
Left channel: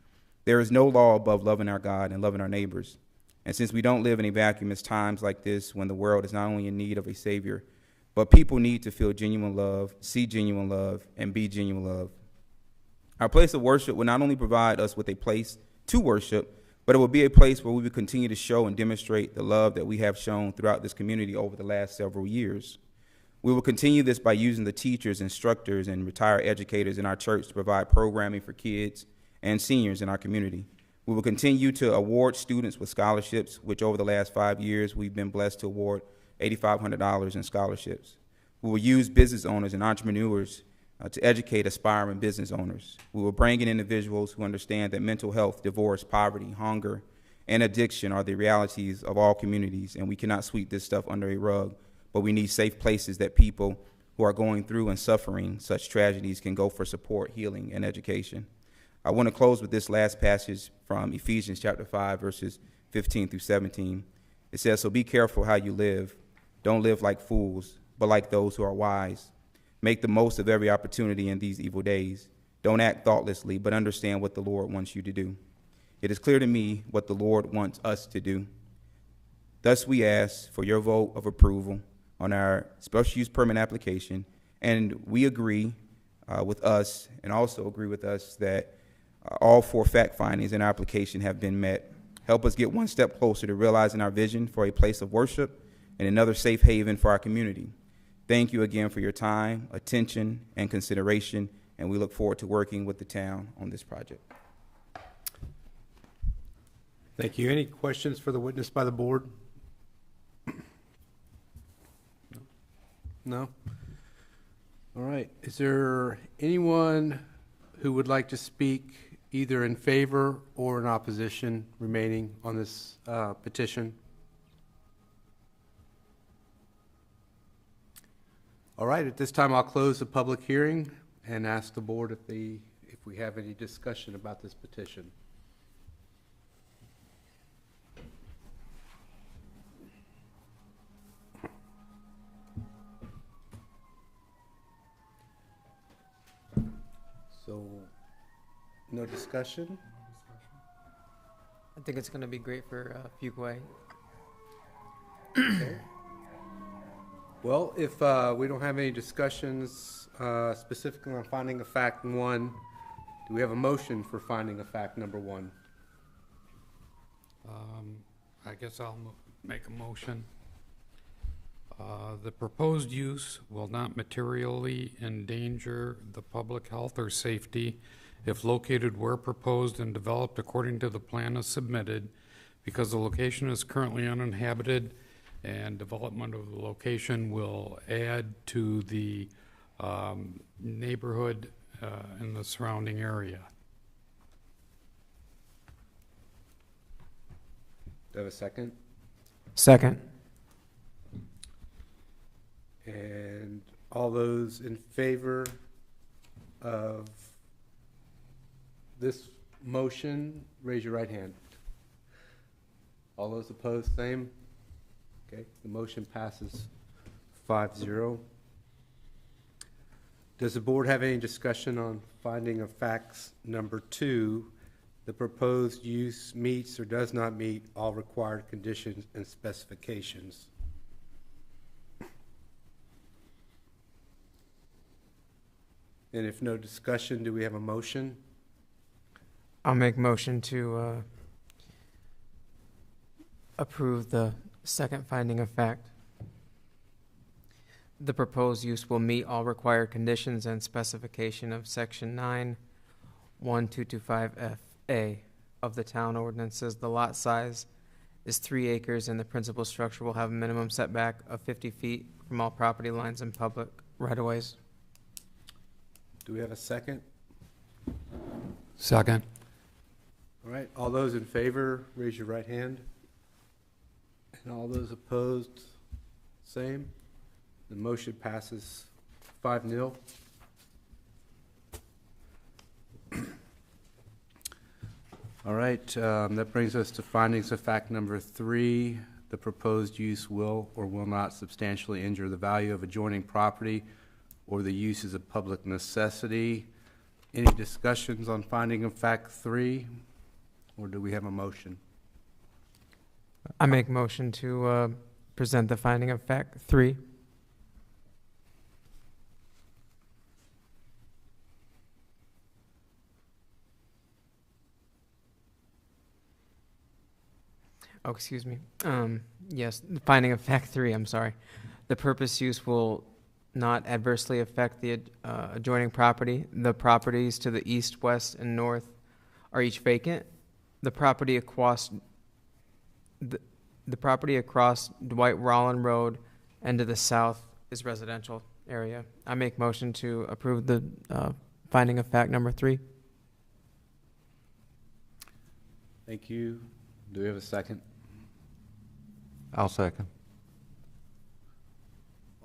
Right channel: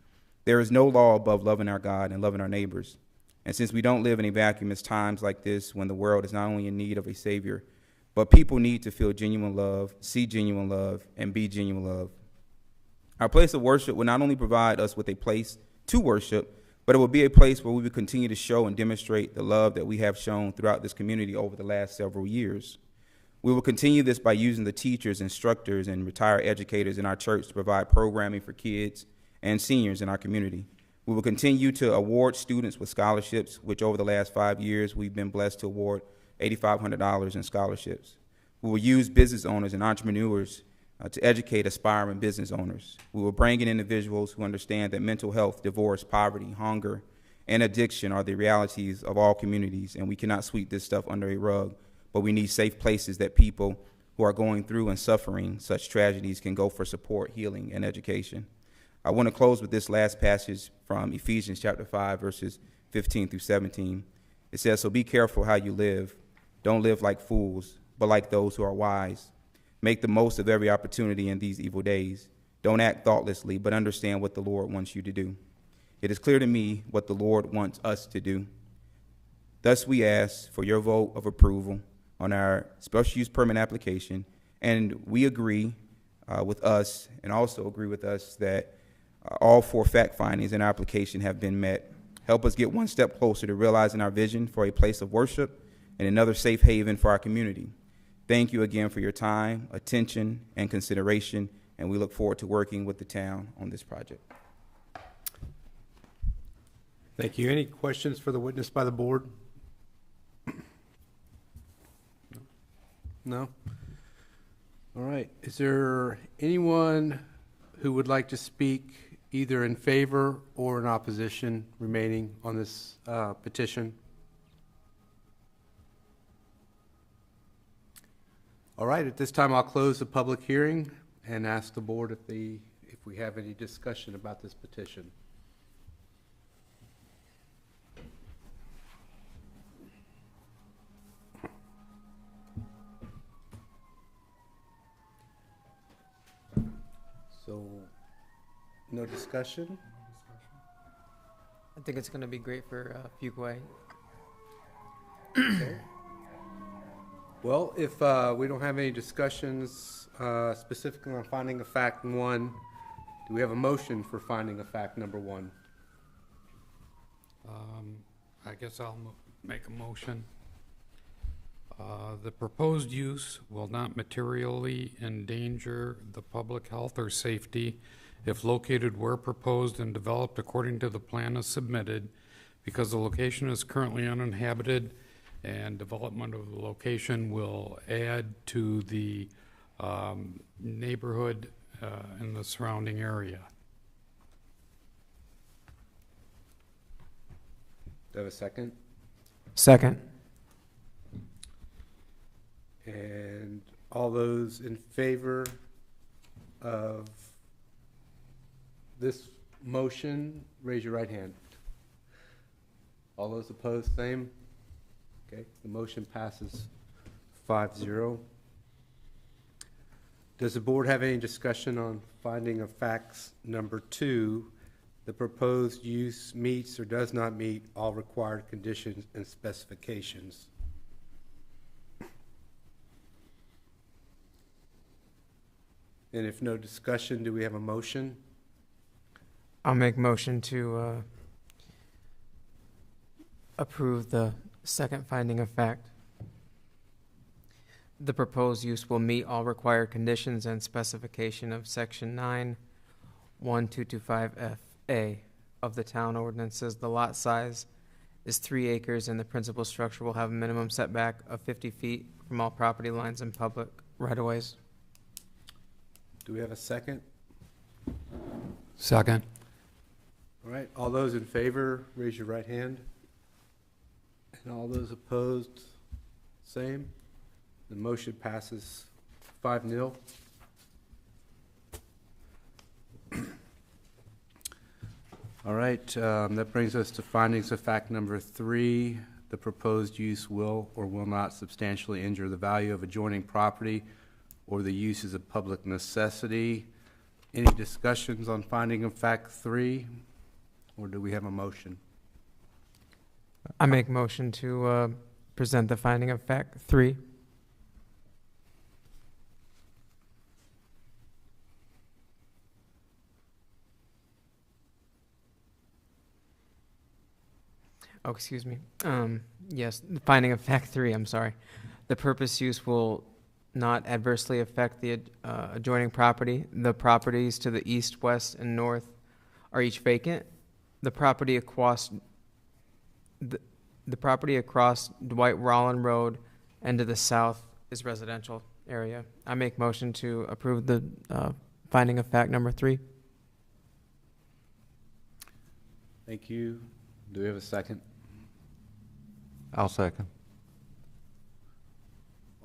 There is no law above loving our God and loving our neighbors. And since we don't live in a vacuum, it's times like this when the world is not only in need of a Savior, but people need to feel genuine love, see genuine love, and be genuine love. Our place of worship will not only provide us with a place to worship, but it will be a place where we will continue to show and demonstrate the love that we have shown throughout this community over the last several years. We will continue this by using the teachers, instructors, and retired educators in our church to provide programming for kids and seniors in our community. We will continue to award students with scholarships, which over the last 5 years we've been blessed to award $8,500 in scholarships. We will use business owners and entrepreneurs to educate aspiring business owners. We will bring in individuals who understand that mental health, divorce, poverty, hunger, and addiction are the realities of all communities, and we cannot sweep this stuff under a rug, but we need safe places that people who are going through and suffering such tragedies can go for support, healing, and education. I want to close with this last passage from Ephesians chapter 5, verses 15 through 17. It says, so be careful how you live. Don't live like fools, but like those who are wise. Make the most of every opportunity in these evil days. Don't act thoughtlessly, but understand what the Lord wants you to do. It is clear to me what the Lord wants us to do. Thus we ask for your vote of approval on our special use permit application And we agree with us, and also agree with us, that all 4 fact findings in our application have been met. Help us get one step closer to realizing our vision for a place of worship and another safe haven for our community. Thank you again for your time, attention, and consideration, and we look forward to working with the town on this project. Thank you. Any questions for the witness by the board? No? All right. Is there anyone who would like to speak either in favor or in opposition remaining on this petition? All right. At this time, I'll close the public hearing and ask the board if we have any discussion about this petition. So, no discussion? I think it's going to be great for Fuquay. Okay. Well, if we don't have any discussions specifically on finding of fact 1, do we have a motion for finding of fact number 1? I guess I'll make a motion. The proposed use will not materially endanger the public health or safety if located where proposed and developed according to the plan as submitted, because the location is currently uninhabited, and development of the location will add to the neighborhood in the surrounding area. Do I have a second? Second. And all those in favor of this motion, raise your right hand. All those opposed, same. Okay, the motion passes 5-0. Does the board have any discussion on finding of facts number 2? The proposed use meets or does not meet all required conditions and specifications. And if no discussion, do we have a motion? I'll make motion to approve the second finding of fact. The proposed use will meet all required conditions and specification of Section 9(1)(2)(5)(f)(a) of the town ordinances. The lot size is 3 acres, and the principal structure will have a minimum setback of 50 feet from all property lines and public right-of-ways. Do we have a second? Second. All right, all those in favor, raise your right hand. And all those opposed, same. The motion passes 5-0. All right, that brings us to findings of fact number 3. The proposed use will or will not substantially injure the value of adjoining property or the use is a public necessity. Any discussions on finding of fact 3? Or do we have a motion? I make motion to present the finding of fact 3. Oh, excuse me. Yes, the finding of fact 3, I'm sorry. The purpose use will not adversely affect the adjoining property. The properties to the east, west, and north are each vacant. The property across Dwight Rollin Road and to the south is residential area. I make motion to approve the finding of fact number 3. Thank you. Do we have a second? I'll second.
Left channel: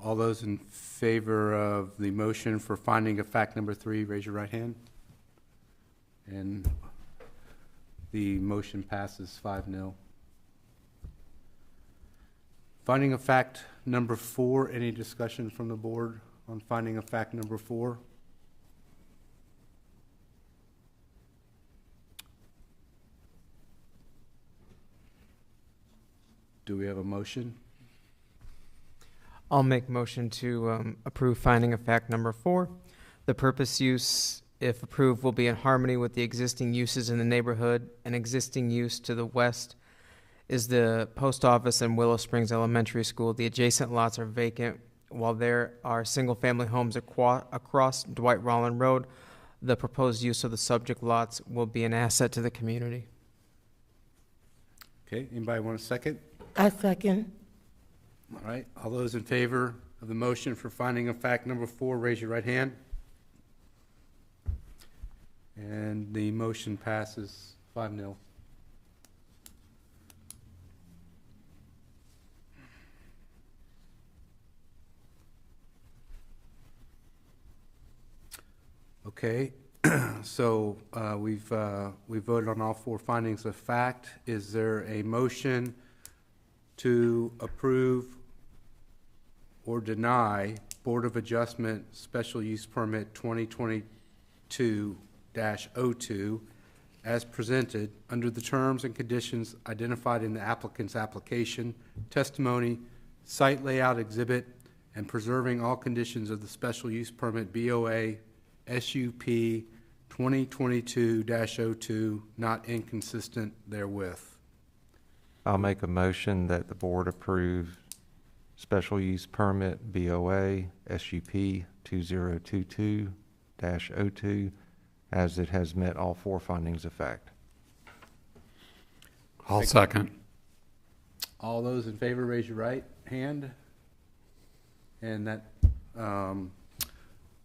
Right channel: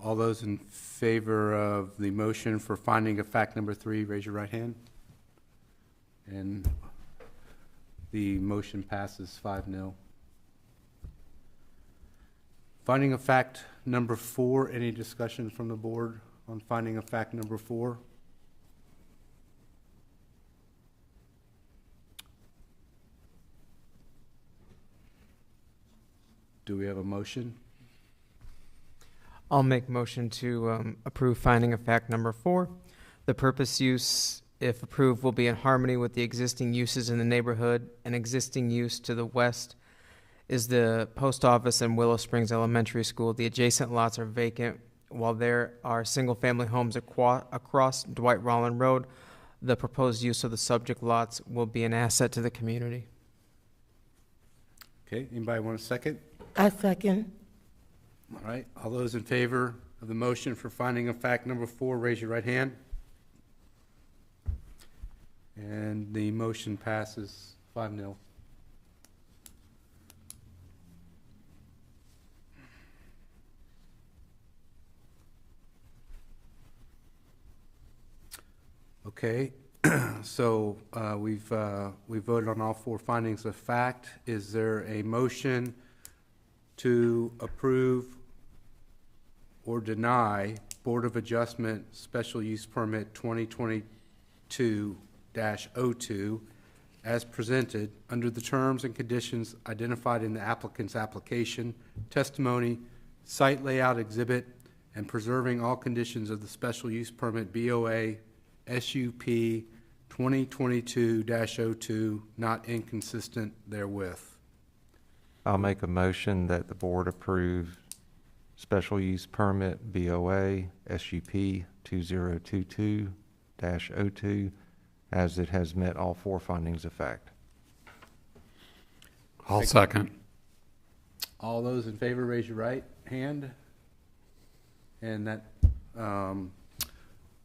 All those in favor of the motion for finding of fact number 3, raise your right hand. And the motion passes 5-0. Finding of fact number 4, any discussion from the board on finding of fact number 4? Do we have a motion? I'll make motion to approve finding of fact number 4. The purpose use, if approved, will be in harmony with the existing uses in the neighborhood. An existing use to the west is the post office and Willow Springs Elementary School. The adjacent lots are vacant, while there are single-family homes across Dwight Rollin Road. The proposed use of the subject lots will be an asset to the community. Okay, anybody want a second? I second. All right, all those in favor of the motion for finding of fact number 4, raise your right hand. And the motion passes 5-0. Okay, so we voted on all 4 findings of fact. Is there a motion to approve or deny Board of Adjustment Special Use Permit 2022-02 as presented under the terms and conditions identified in the applicant's application, testimony, site layout exhibit, and preserving all conditions of the special use permit BOA SUP 2022-02 not inconsistent therewith? I'll make a motion that the board approve special use permit BOA SUP 2022-02 as it has met all 4 findings of fact. I'll second. All those in favor, raise your right hand. And that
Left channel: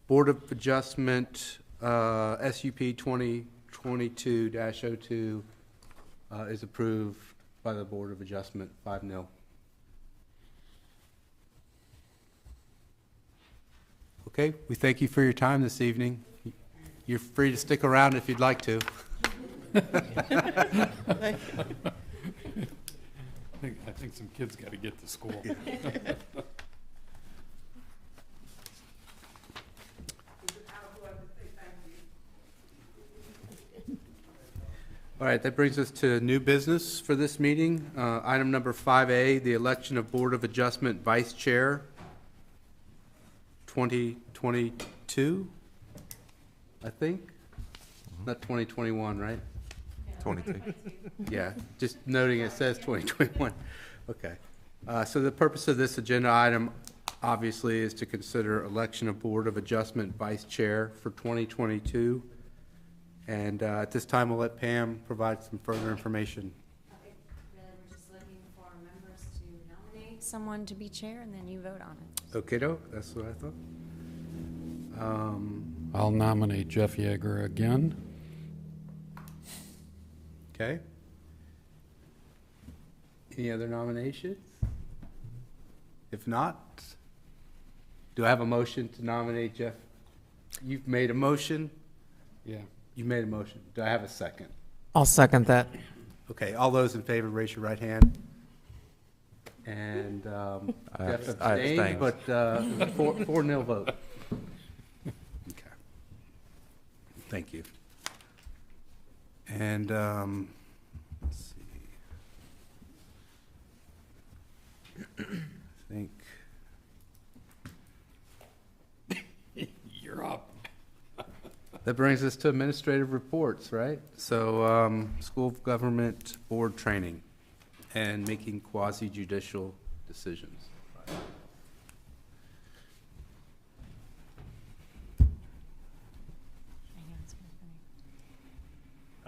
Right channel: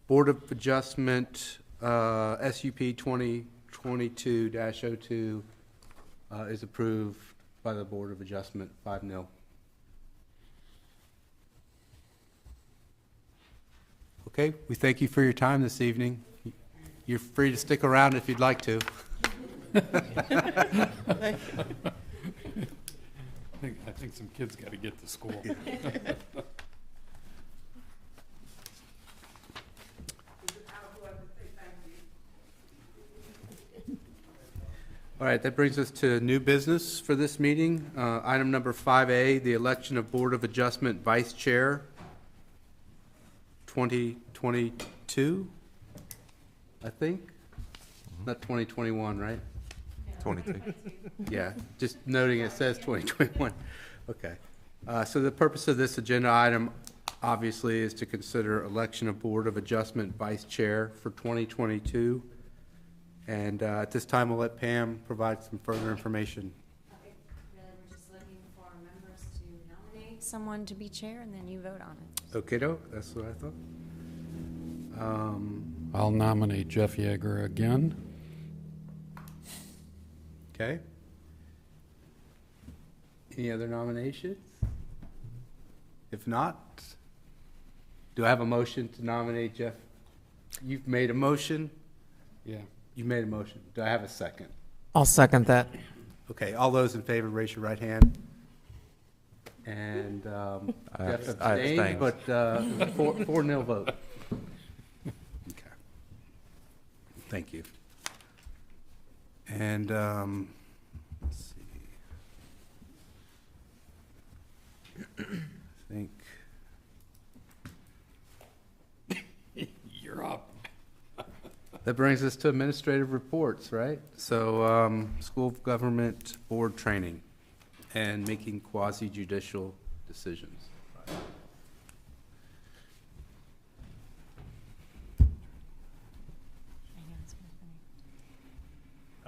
Board of Adjustment SUP 2022-02 is approved by the Board of Adjustment 5-0. Okay, we thank you for your time this evening. You're free to stick around if you'd like to. I think some kids got to get to school. All right, that brings us to new business for this meeting. Item number 5A, the election of Board of Adjustment Vice Chair 2022, I think. Not 2021, right? 22. Yeah, just noting it says 2021. Okay. So the purpose of this agenda item, obviously, is to consider election of Board of Adjustment Vice Chair for 2022. And at this time, we'll let Pam provide some further information. Really, we're just looking for members to nominate someone to be chair, and then you vote on it. Okay, that's what I thought. I'll nominate Jeff Yeager again. Okay. Any other nominations? If not, do I have a motion to nominate Jeff? You've made a motion? Yeah. You made a motion. Do I have a second? I'll second that. Okay, all those in favor, raise your right hand. And Jeff abstained, but 4-0 vote. Okay. Thank you. And let's see. I think You're up. that brings us to administrative reports, right? So, school of government board training and making quasi-judicial decisions.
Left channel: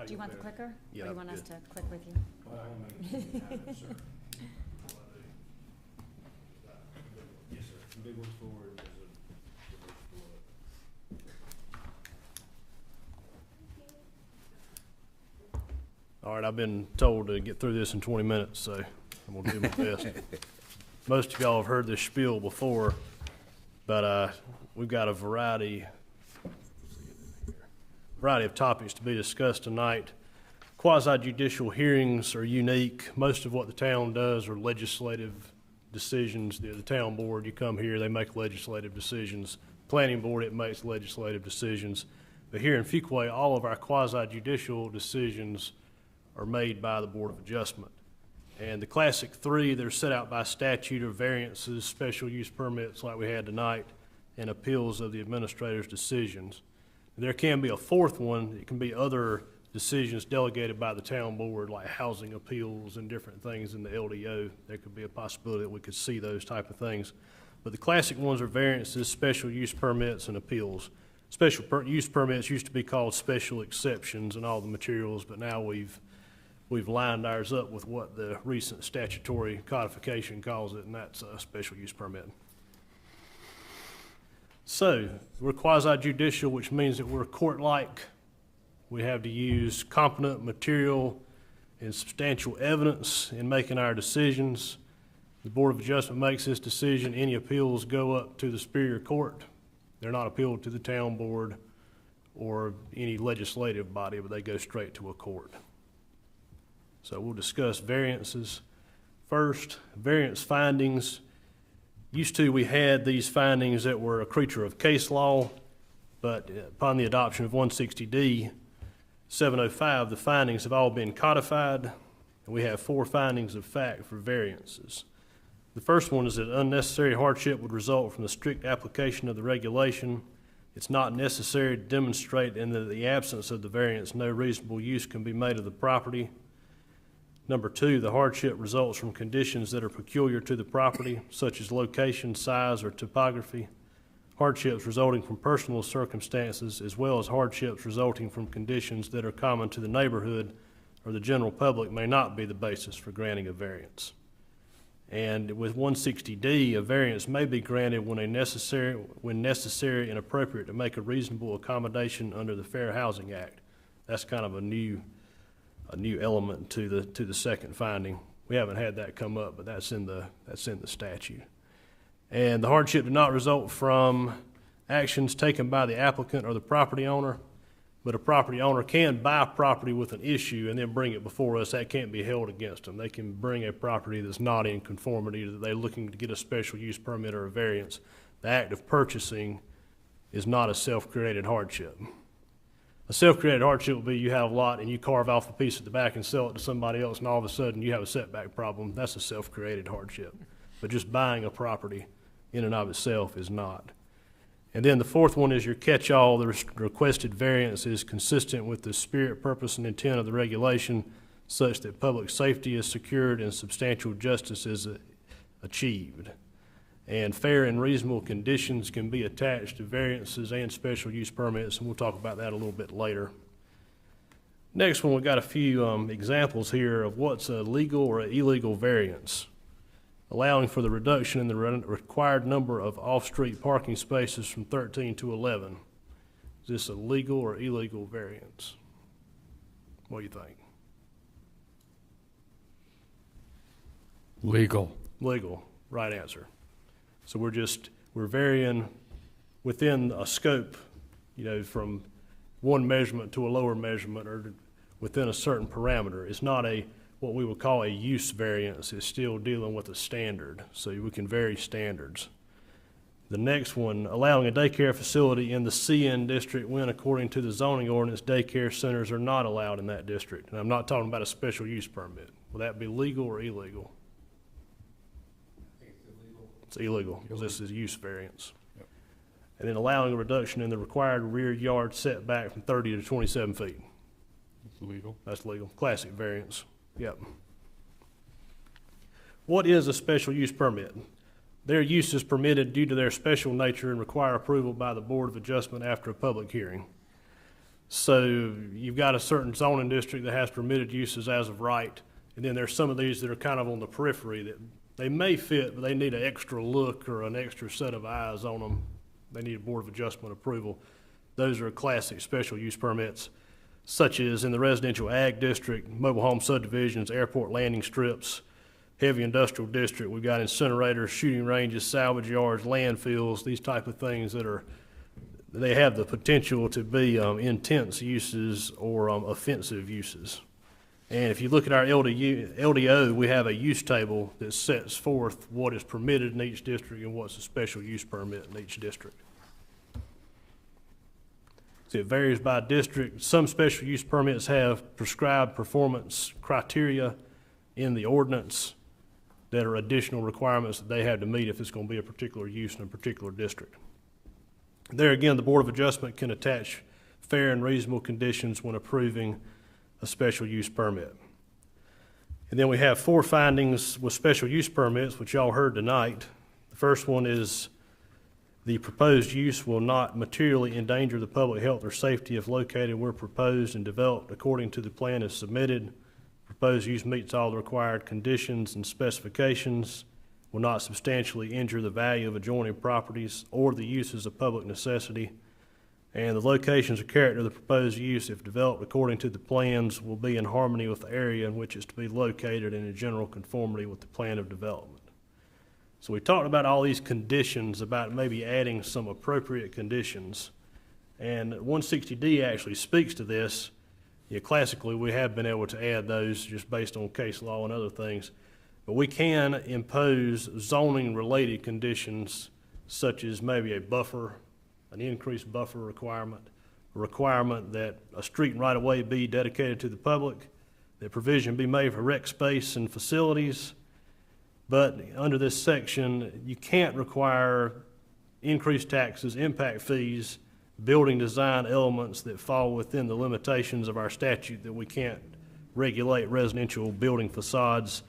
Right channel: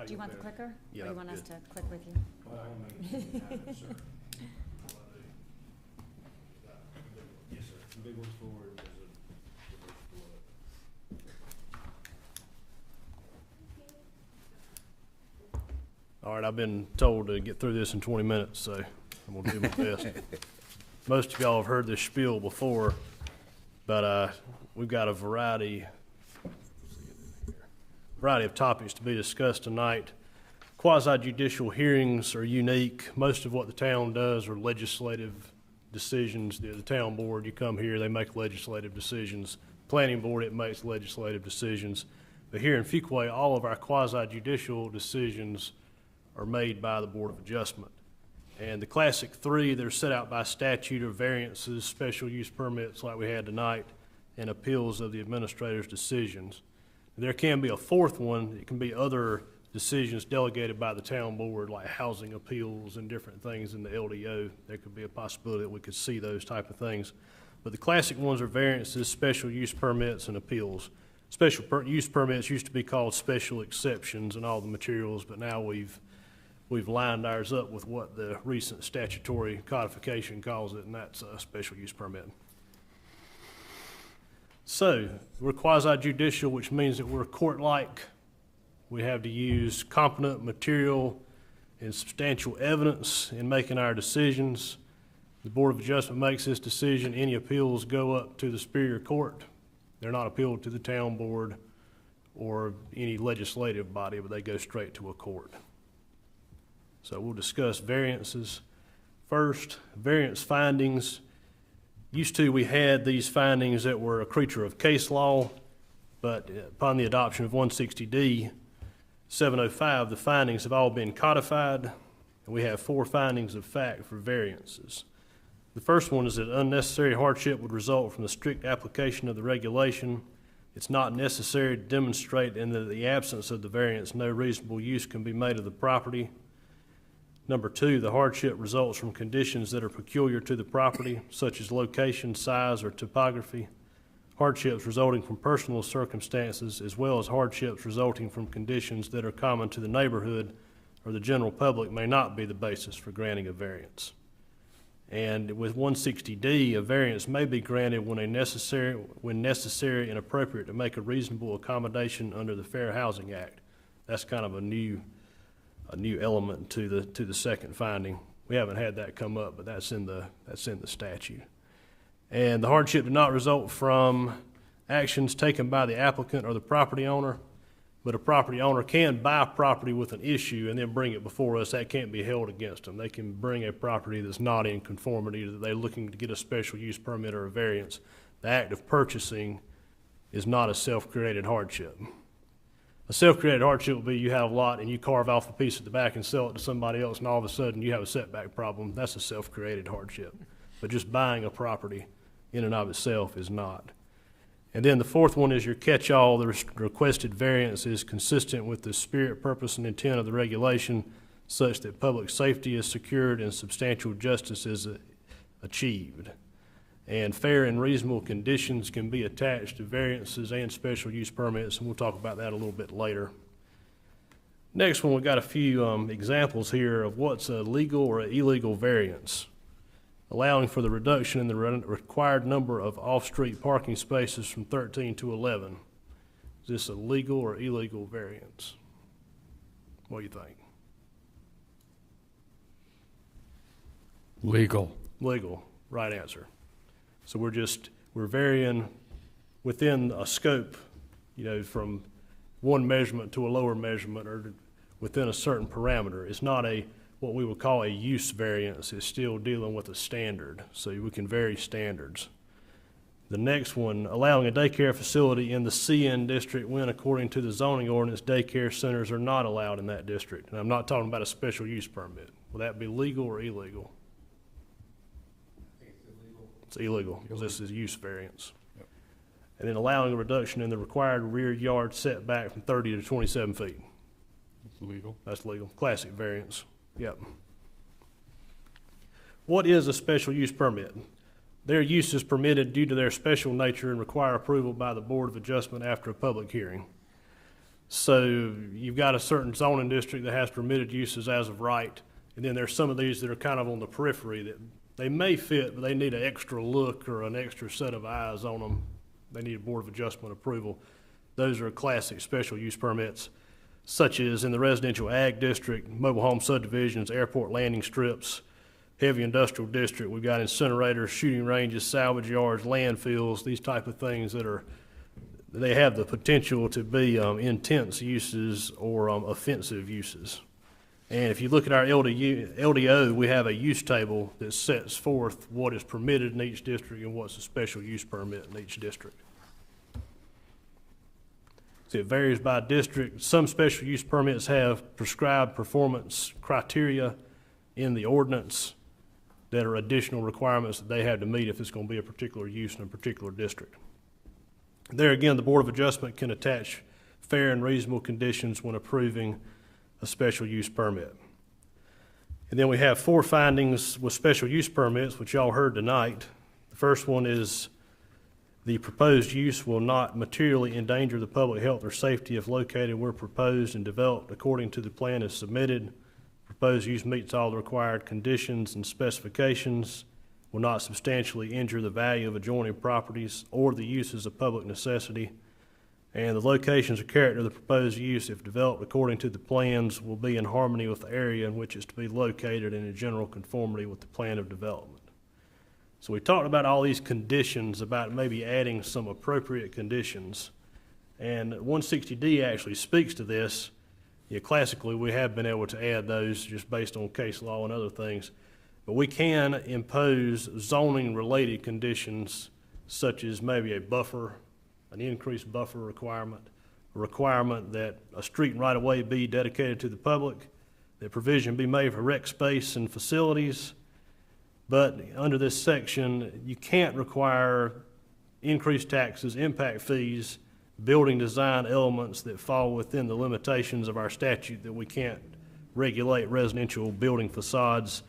Do you want the clicker? Yeah, Or you want us good. to click with you? All right, I've been told to get through this in 20 minutes, so I'm going to do my best. Most of y'all have heard this spiel before, but we've got a variety of topics to be discussed tonight. Quasi-judicial hearings are unique. Most of what the town does are legislative decisions. The town board, you come here, they make legislative decisions. Planning board, it makes legislative decisions. But here in Fuquay, all of our quasi-judicial decisions are made by the Board of Adjustment. And the classic three that are set out by statute are variances, special use permits like we had tonight, and appeals of the administrator's decisions. There can be a fourth one. It can be other decisions delegated by the town board, like housing appeals and different things in the LDO. There could be a possibility that we could see those type of things. But the classic ones are variances, special use permits, and appeals. Special use permits used to be called special exceptions and all the materials, but now we've lined ours up with what the recent statutory codification calls it, and that's a special use permit. So, we're quasi-judicial, which means that we're court-like. We have to use competent material and substantial evidence in making our decisions. The Board of Adjustment makes this decision. Any appeals go up to the Superior Court. They're not appealed to the town board or any legislative body, but they go straight to a court. So we'll discuss variances. First, variance findings. Used to, we had these findings that were a creature of case law, but upon the adoption of 160D 705, the findings have all been codified, and we have 4 findings of fact for variances. The first one is that unnecessary hardship would result from the strict application of the regulation. It's not necessary to demonstrate in the absence of the variance, no reasonable use can be made of the property. Number 2, the hardship results from conditions that are peculiar to the property, such as location, size, or topography. Hardships resulting from personal circumstances, as well as hardships resulting from conditions that are common to the neighborhood or the general public, may not be the basis for granting a variance. And with 160D, a variance may be granted when necessary and appropriate to make a reasonable accommodation under the Fair Housing Act. That's kind of a new element to the second finding. We haven't had that come up, but that's in the statute. And the hardship did not result from actions taken by the applicant or the property owner, but a property owner can buy property with an issue and then bring it before us. That can't be held against them. They can bring a property that's not in conformity, that they're looking to get a special use permit or a variance. The act of purchasing is not a self-created hardship. A self-created hardship would be you have a lot and you carve off a piece at the back and sell it to somebody else, and all of a sudden you have a setback problem. That's a self-created hardship. But just buying a property in and of itself is not. And then the fourth one is your catch-all. The requested variance is consistent with the spirit, purpose, and intent of the regulation, such that public safety is secured and substantial justice is achieved. And fair and reasonable conditions can be attached to variances and special use permits, and we'll talk about that a little bit later. Next one, we've got a few examples here of what's a legal or an illegal variance. Allowing for the reduction in the required number of off-street parking spaces from 13 to 11. Is this a legal or illegal variance? What do you think? Legal. Legal, right answer. So we're varying within a scope, from one measurement to a lower measurement or within a certain parameter. It's not what we would call a use variance. Is still dealing with a standard, so we can vary standards. The next one, allowing a daycare facility in the CN district when, according to the zoning ordinance, daycare centers are not allowed in that district. And I'm not talking about a special use permit. Will that be legal or illegal? It's illegal because this is a use variance. Yep. And then allowing a reduction in the required rear yard setback from 30 to 27 feet. It's legal. That's legal. Classic variance. Yep. What is a special use permit? Their use is permitted due to their special nature and require approval by the Board of Adjustment after a public hearing. So you've got a certain zoning district that has permitted uses as of right, and then there's some of these that are kind of on the periphery that they may fit, but they need an extra look or an extra set of eyes on them. They need a Board of Adjustment approval. Those are classic special use permits, such as in the residential ag district, mobile home subdivisions, airport landing strips, heavy industrial district. We've got incinerators, shooting ranges, salvage yards, landfills, these type of things they have the potential to be intense uses or offensive uses. And if you look at our LDO, we have a use table that sets forth what is permitted in each district and what's a special use permit in each district. So it varies by district. Some special use permits have prescribed performance criteria. in the ordinance that are additional requirements that they have to meet if it's going to be a particular use in a particular district. There again, the Board of Adjustment can attach fair and reasonable conditions when approving a special use permit. And then we have 4 findings with special use permits, which y'all heard tonight. The first one is the proposed use will not materially endanger the public health or safety if located where proposed and developed according to the plan as submitted. Proposed use meets all the required conditions and specifications, will not substantially injure the value of adjoining properties or the uses of public necessity. And the locations or character of the proposed use, if developed according to the plans, will be in harmony with the area in which it's to be located and in general conformity with the plan of development. So we talked about all these conditions, about maybe adding some appropriate conditions. And 160D actually speaks to this. Yeah, classically, we have been able to add those just based on case law and other things. But we can impose zoning-related conditions such as maybe a buffer, an increased buffer requirement, a requirement that a street and right-of-way be dedicated to the public, that provision be made for rec space and facilities. But under this section, you can't require increased taxes, impact fees, building design elements that fall within the limitations of our statute that we can't regulate residential building facades.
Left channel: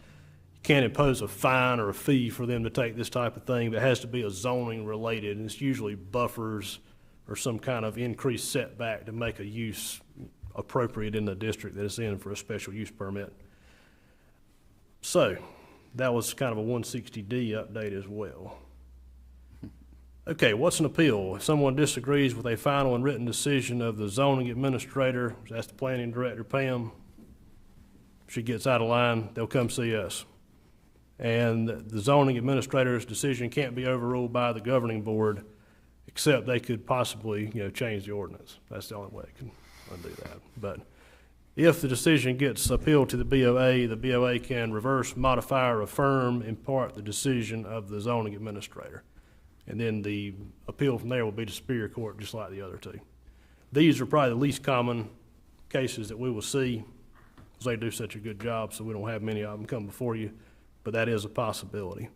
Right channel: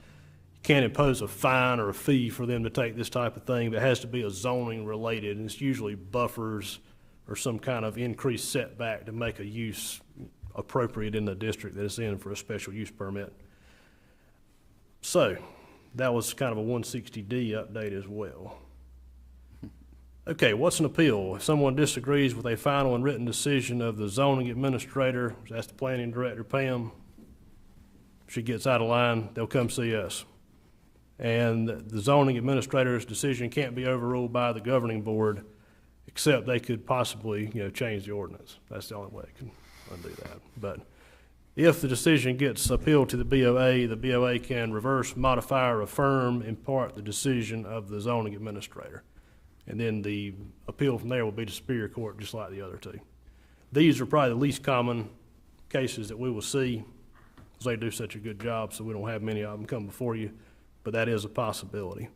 You can't impose a fine or a fee for them to take this type of thing. But it has to be a zoning related, and it's usually buffers or some kind of increased setback to make a use appropriate in the district that it's in for a special use permit. So that was kind of a 160D update as well. Okay, what's an appeal? If someone disagrees with a final and written decision of the zoning administrator, that's the planning director, Pam, if she gets out of line, they'll come see us. And the zoning administrator's decision can't be overruled by the governing board, except they could possibly, change the ordinance. That's the only way they can undo that. But if the decision gets appealed to the BOA can reverse, modify, or affirm in part the decision of the zoning administrator. And then the appeal from there will be to Superior Court, just like the other two. These are probably the least common cases that we will see, because they do such a good job, so we don't have many of them come before you, but that is a possibility.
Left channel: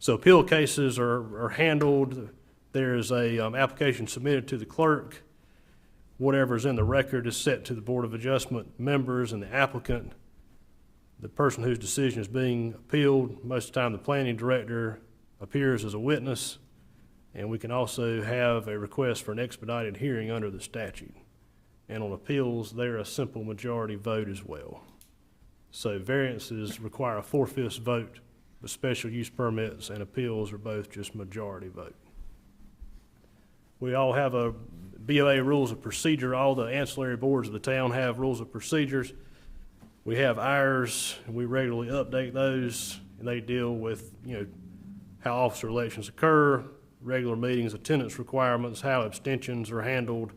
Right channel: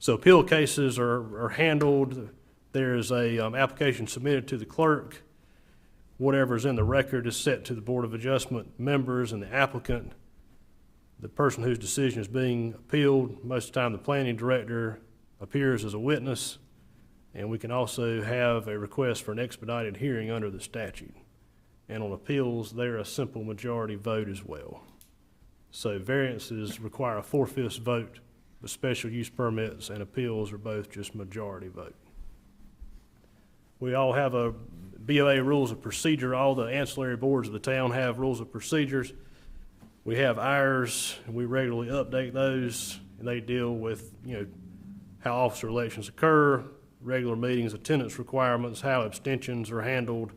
So appeal cases are handled. There's a application submitted to the clerk. Whatever's in the record is set to the Board of Adjustment members and the applicant. The person whose decision is being appealed, most of the time the planning director appears as a witness, and we can also have a request for an expedited hearing under the statute. And on appeals, they're a simple majority vote as well. So variances require a 4/5 vote, but special use permits and appeals are both just majority vote. We all have a BOA rules of procedure. All the ancillary boards of the town have rules of procedures. We have ours, and we regularly update those, and they deal with, how officer elections occur, regular meetings, attendance requirements, how abstentions are handled,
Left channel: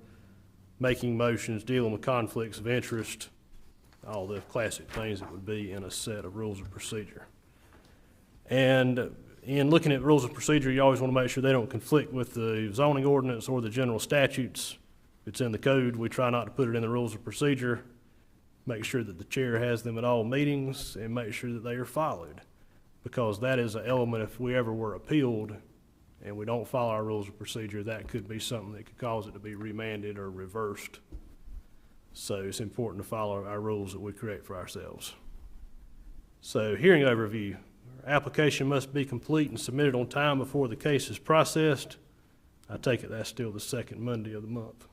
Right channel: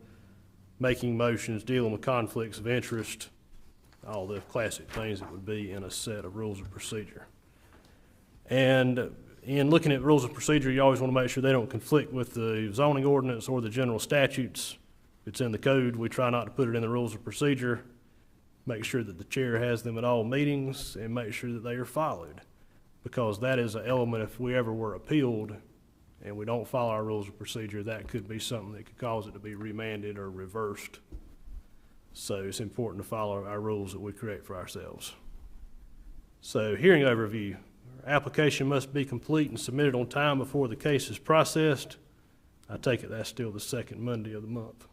making motions, dealing with conflicts of interest, all the classic things that would be in a set of rules of procedure. And in looking at rules of procedure, you always want to make sure they don't conflict with the zoning ordinance or the general statutes. If it's in the code, we try not to put it in the rules of procedure. Make sure that the chair has them at all meetings and make sure that they are followed, because that is an element. If we ever were appealed and we don't follow our rules of procedure, that could be something that could cause it to be remanded or reversed. So it's important to follow our rules that we create for ourselves. So hearing overview. Application must be complete and submitted on time before the case is processed. I take it that's still the second Monday of the month.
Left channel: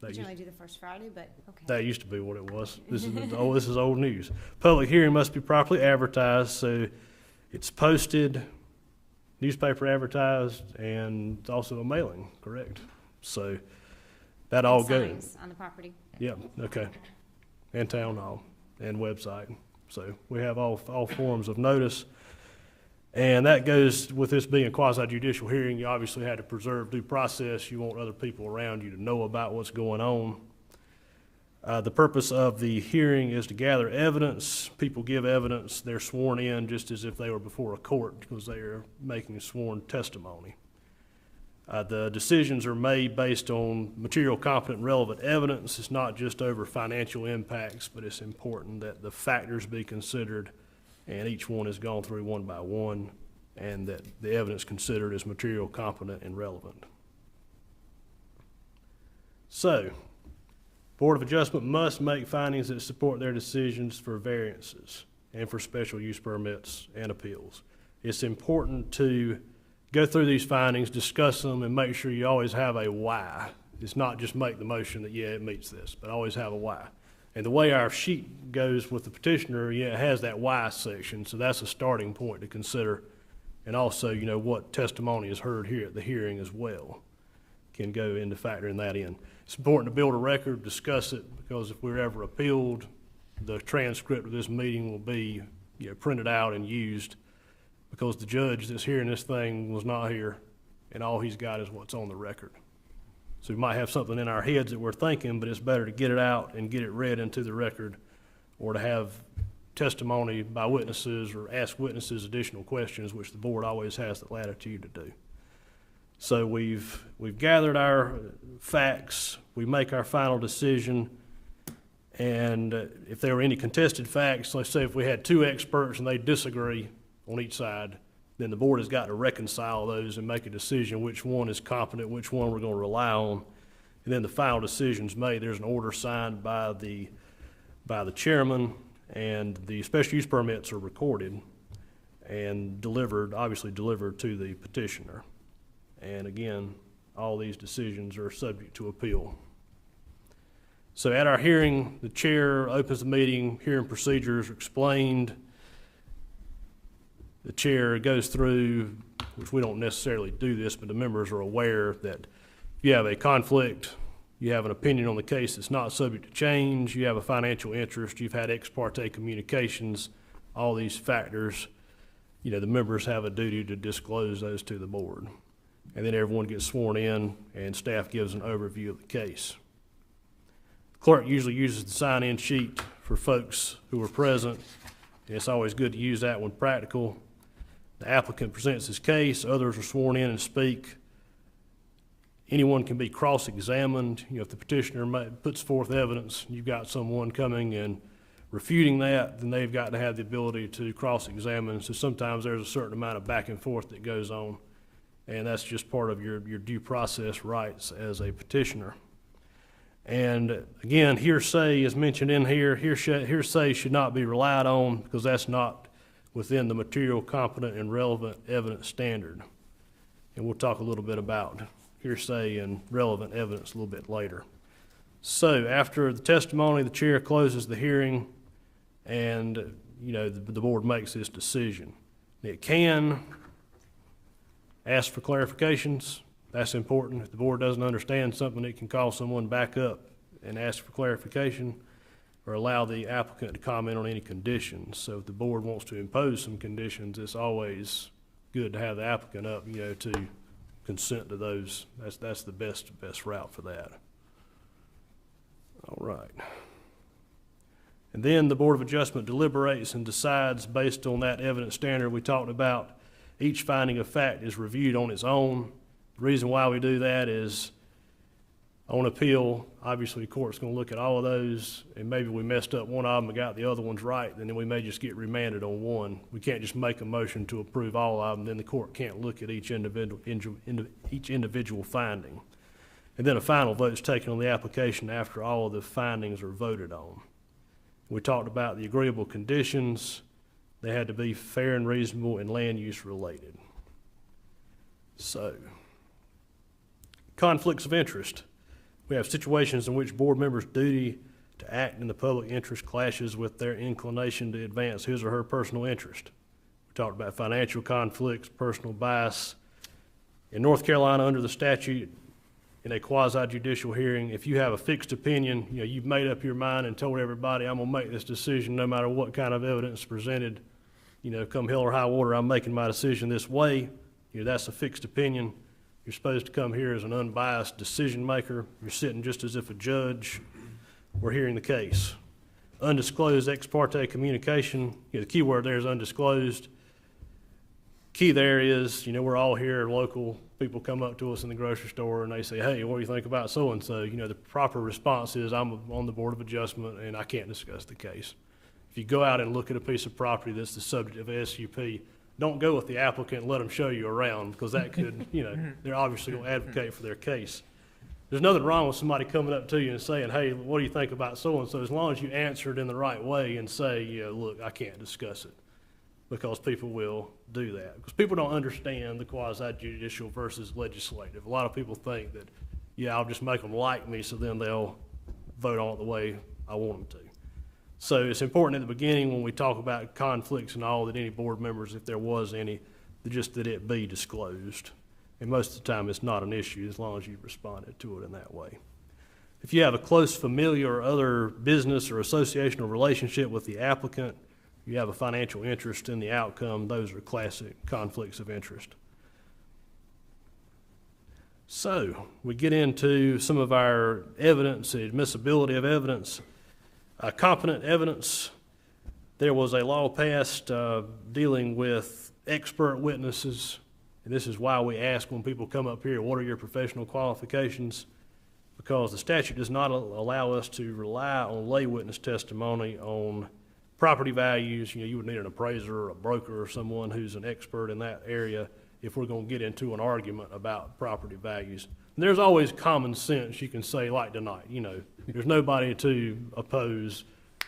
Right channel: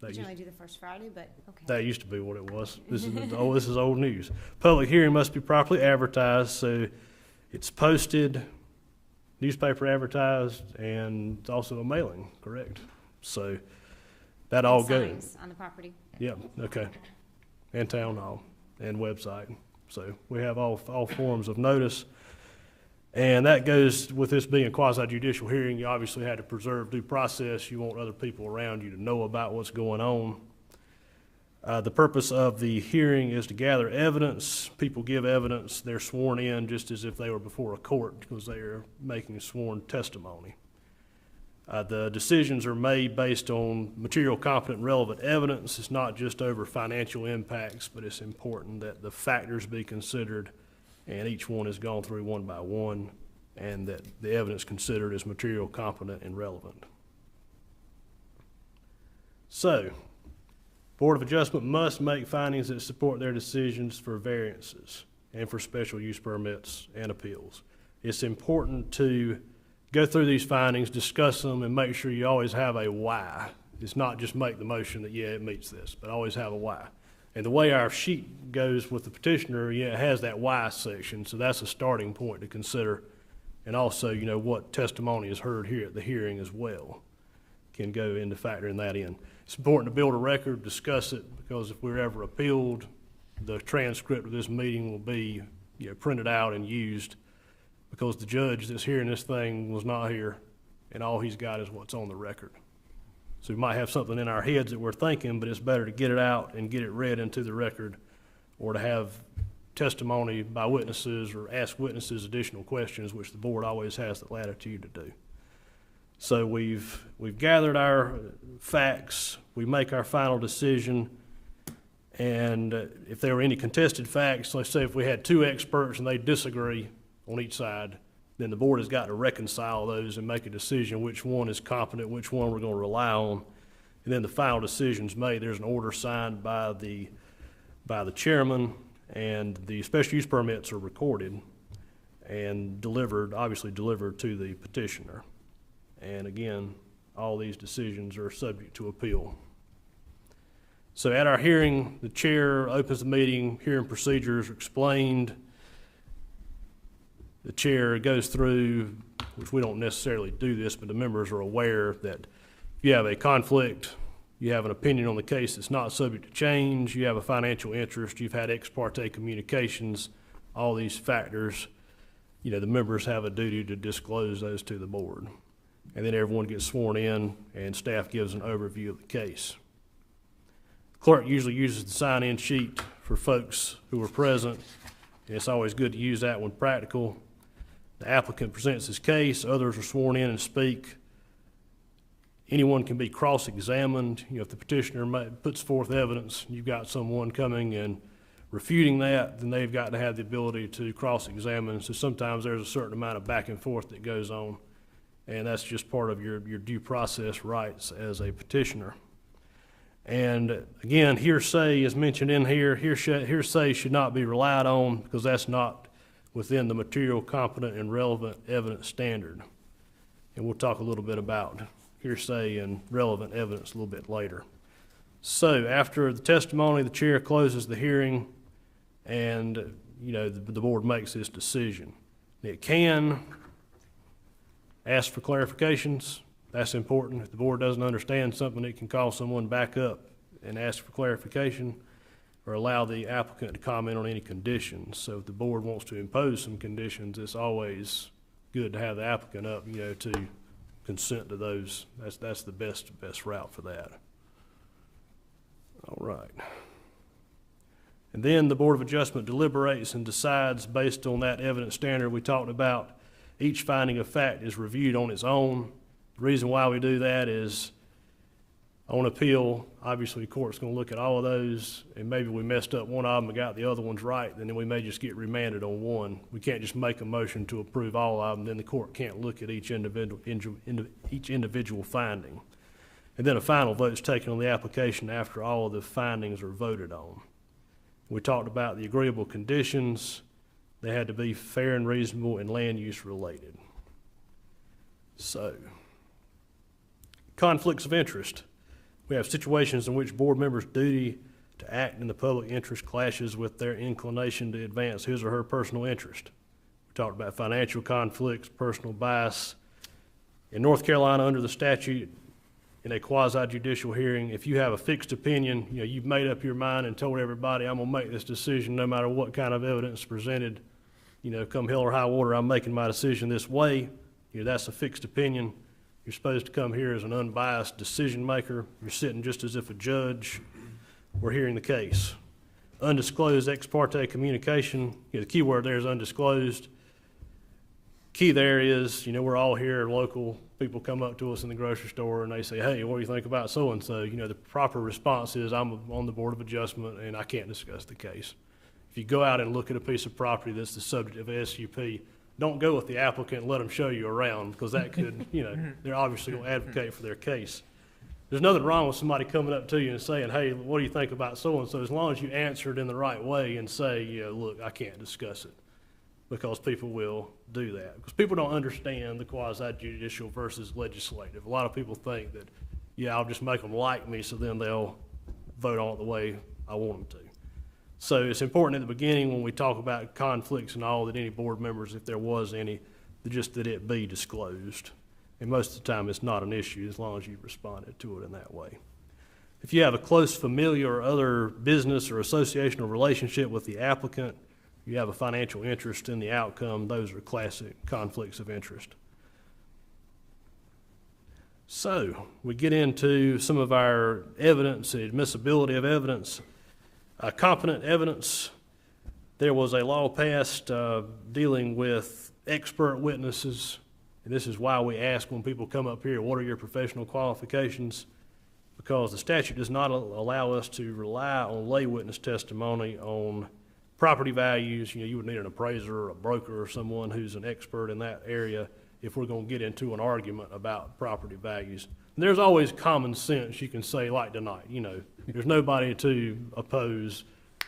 We generally do the first Friday, but okay. That used to be what it was. This is old news. Public hearing must be properly advertised, so it's posted, newspaper advertised, and it's also a mailing, correct? So that all goes. Signs on the property. Yeah, okay. And town hall and website. So we have all forms of notice. And that goes with this being a quasi-judicial hearing. You obviously had to preserve due process. You want other people around you to know about what's going on. The purpose of the hearing is to gather evidence. People give evidence. They're sworn in just as if they were before a court, because they are making a sworn testimony. The decisions are made based on material, competent, and relevant evidence. It's not just over financial impacts, but it's important that the factors be considered and each one is gone through one by one, and that the evidence considered is material, competent, and relevant. So, Board of Adjustment must make findings that support their decisions for variances and for special use permits and appeals. It's important to go through these findings, discuss them, and make sure you always have a why. It's not just make the motion that, yeah, it meets this, but always have a why. And the way our sheet goes with the petitioner, yeah, it has that why section, so that's a starting point to consider. And also, you know, what testimony is heard here at the hearing as well can go into factoring that in. It's important to build a record, discuss it, because if we're ever appealed, the transcript of this meeting will be, you know, printed out and used, because the judge that's hearing this thing was not here, and all he's got is what's on the record. So we might have something in our heads that we're thinking, but it's better to get it out and get it read into the record, or to have testimony by witnesses or ask witnesses additional questions, which the board always has the latitude to do. So we've gathered our facts, we make our final decision, and if there were any contested facts, let's say if we had two experts and they disagree on each side, then the board has got to reconcile those and make a decision which one is competent, which one we're going to rely on, and then the final decision's made. There's an order signed by the chairman, and the special use permits are recorded and obviously delivered to the petitioner. And again, all these decisions are subject to appeal. So at our hearing, the chair opens the meeting, hearing procedures are explained. The chair goes through, which we don't necessarily do this, but the members are aware that if you have a conflict, you have an opinion on the case that's not subject to change, you have a financial interest, you've had ex parte communications, all these factors, you know, the members have a duty to disclose those to the board. And then everyone gets sworn in and staff gives an overview of the case. The clerk usually uses the sign-in sheet for folks who are present. And it's always good to use that when practical. The applicant presents his case, others are sworn in and speak. Anyone can be cross-examined. You know, if the petitioner puts forth evidence, you've got someone coming and refuting that, then they've got to have the ability to cross-examine. So sometimes there's a certain amount of back and forth that goes on, and that's just part of your due process rights as a petitioner. And again, hearsay is mentioned in here. Hearsay should not be relied on because that's not within the material, competent, and relevant evidence standard. And we'll talk a little bit about hearsay and relevant evidence a little bit later. So after the testimony, the chair closes the hearing, and you know the board makes this decision. It can ask for clarifications. That's important. If the board doesn't understand something, it can call someone back up and ask for clarification, or allow the applicant to comment on any conditions. So if the board wants to impose some conditions, it's always good to have the applicant up, you know, to consent to those. That's the best route for that. All right. And then the Board of Adjustment deliberates and decides based on that evidence standard we talked about. Each finding of fact is reviewed on its own. The reason why we do that is on appeal, obviously the court's going to look at all of those, and maybe we messed up one of them and got the other ones right, and then we may just get remanded on one. We can't just make a motion to approve all of them, then the court can't look at each individual finding. And then a final vote is taken on the application after all of the findings are voted on. We talked about the agreeable conditions. They had to be fair and reasonable and land use related. So, conflicts of interest. We have situations in which board members' duty to act in the public interest clashes with their inclination to advance his or her personal interest. We talked about financial conflicts, personal bias. In North Carolina, under the statute, in a quasi-judicial hearing, if you have a fixed opinion, you know, you've made up your mind and told everybody, I'm going to make this decision no matter what kind of evidence is presented, you know, come hell or high water, I'm making my decision this way. You know, that's a fixed opinion. You're supposed to come here as an unbiased decision maker. You're sitting just as if a judge were hearing the case. Undisclosed ex parte communication, you know, the key word there is undisclosed. Key there is, you know, we're all here, local people come up to us in the grocery store and they say, hey, what do you think about so-and-so? You know, the proper response is, I'm on the Board of Adjustment and I can't discuss the case. If you go out and look at a piece of property that's the subject of a SUP, don't go with the applicant and let them show you around, because that could, they're obviously going to advocate for their case. There's nothing wrong with somebody coming up to you and saying, hey, what do you think about so-and-so, as long as you answer it in the right way and say, look, I can't discuss it, because people will do that. Because people don't understand the quasi-judicial versus legislative. A lot of people think that, I'll just make them like me, so then they'll vote on it the way I want them to. So it's important at the beginning when we talk about conflicts and all, that any board members, if there was any, just that it be disclosed. And most of the time it's not an issue as long as you responded to it in that way. If you have a close familiar or other business or association or relationship with the applicant, you have a financial interest in the outcome, those are classic conflicts of interest. So we get into some of our evidence, admissibility of evidence. Competent evidence. There was a law passed dealing with expert witnesses, and this is why we ask when people come up here, what are your professional qualifications? Because the statute does not allow us to rely on lay witness testimony on property values. You would need an appraiser or a broker or someone who's an expert in that area if we're going to get into an argument about property values. And there's always common sense you can say, like tonight, there's nobody to oppose.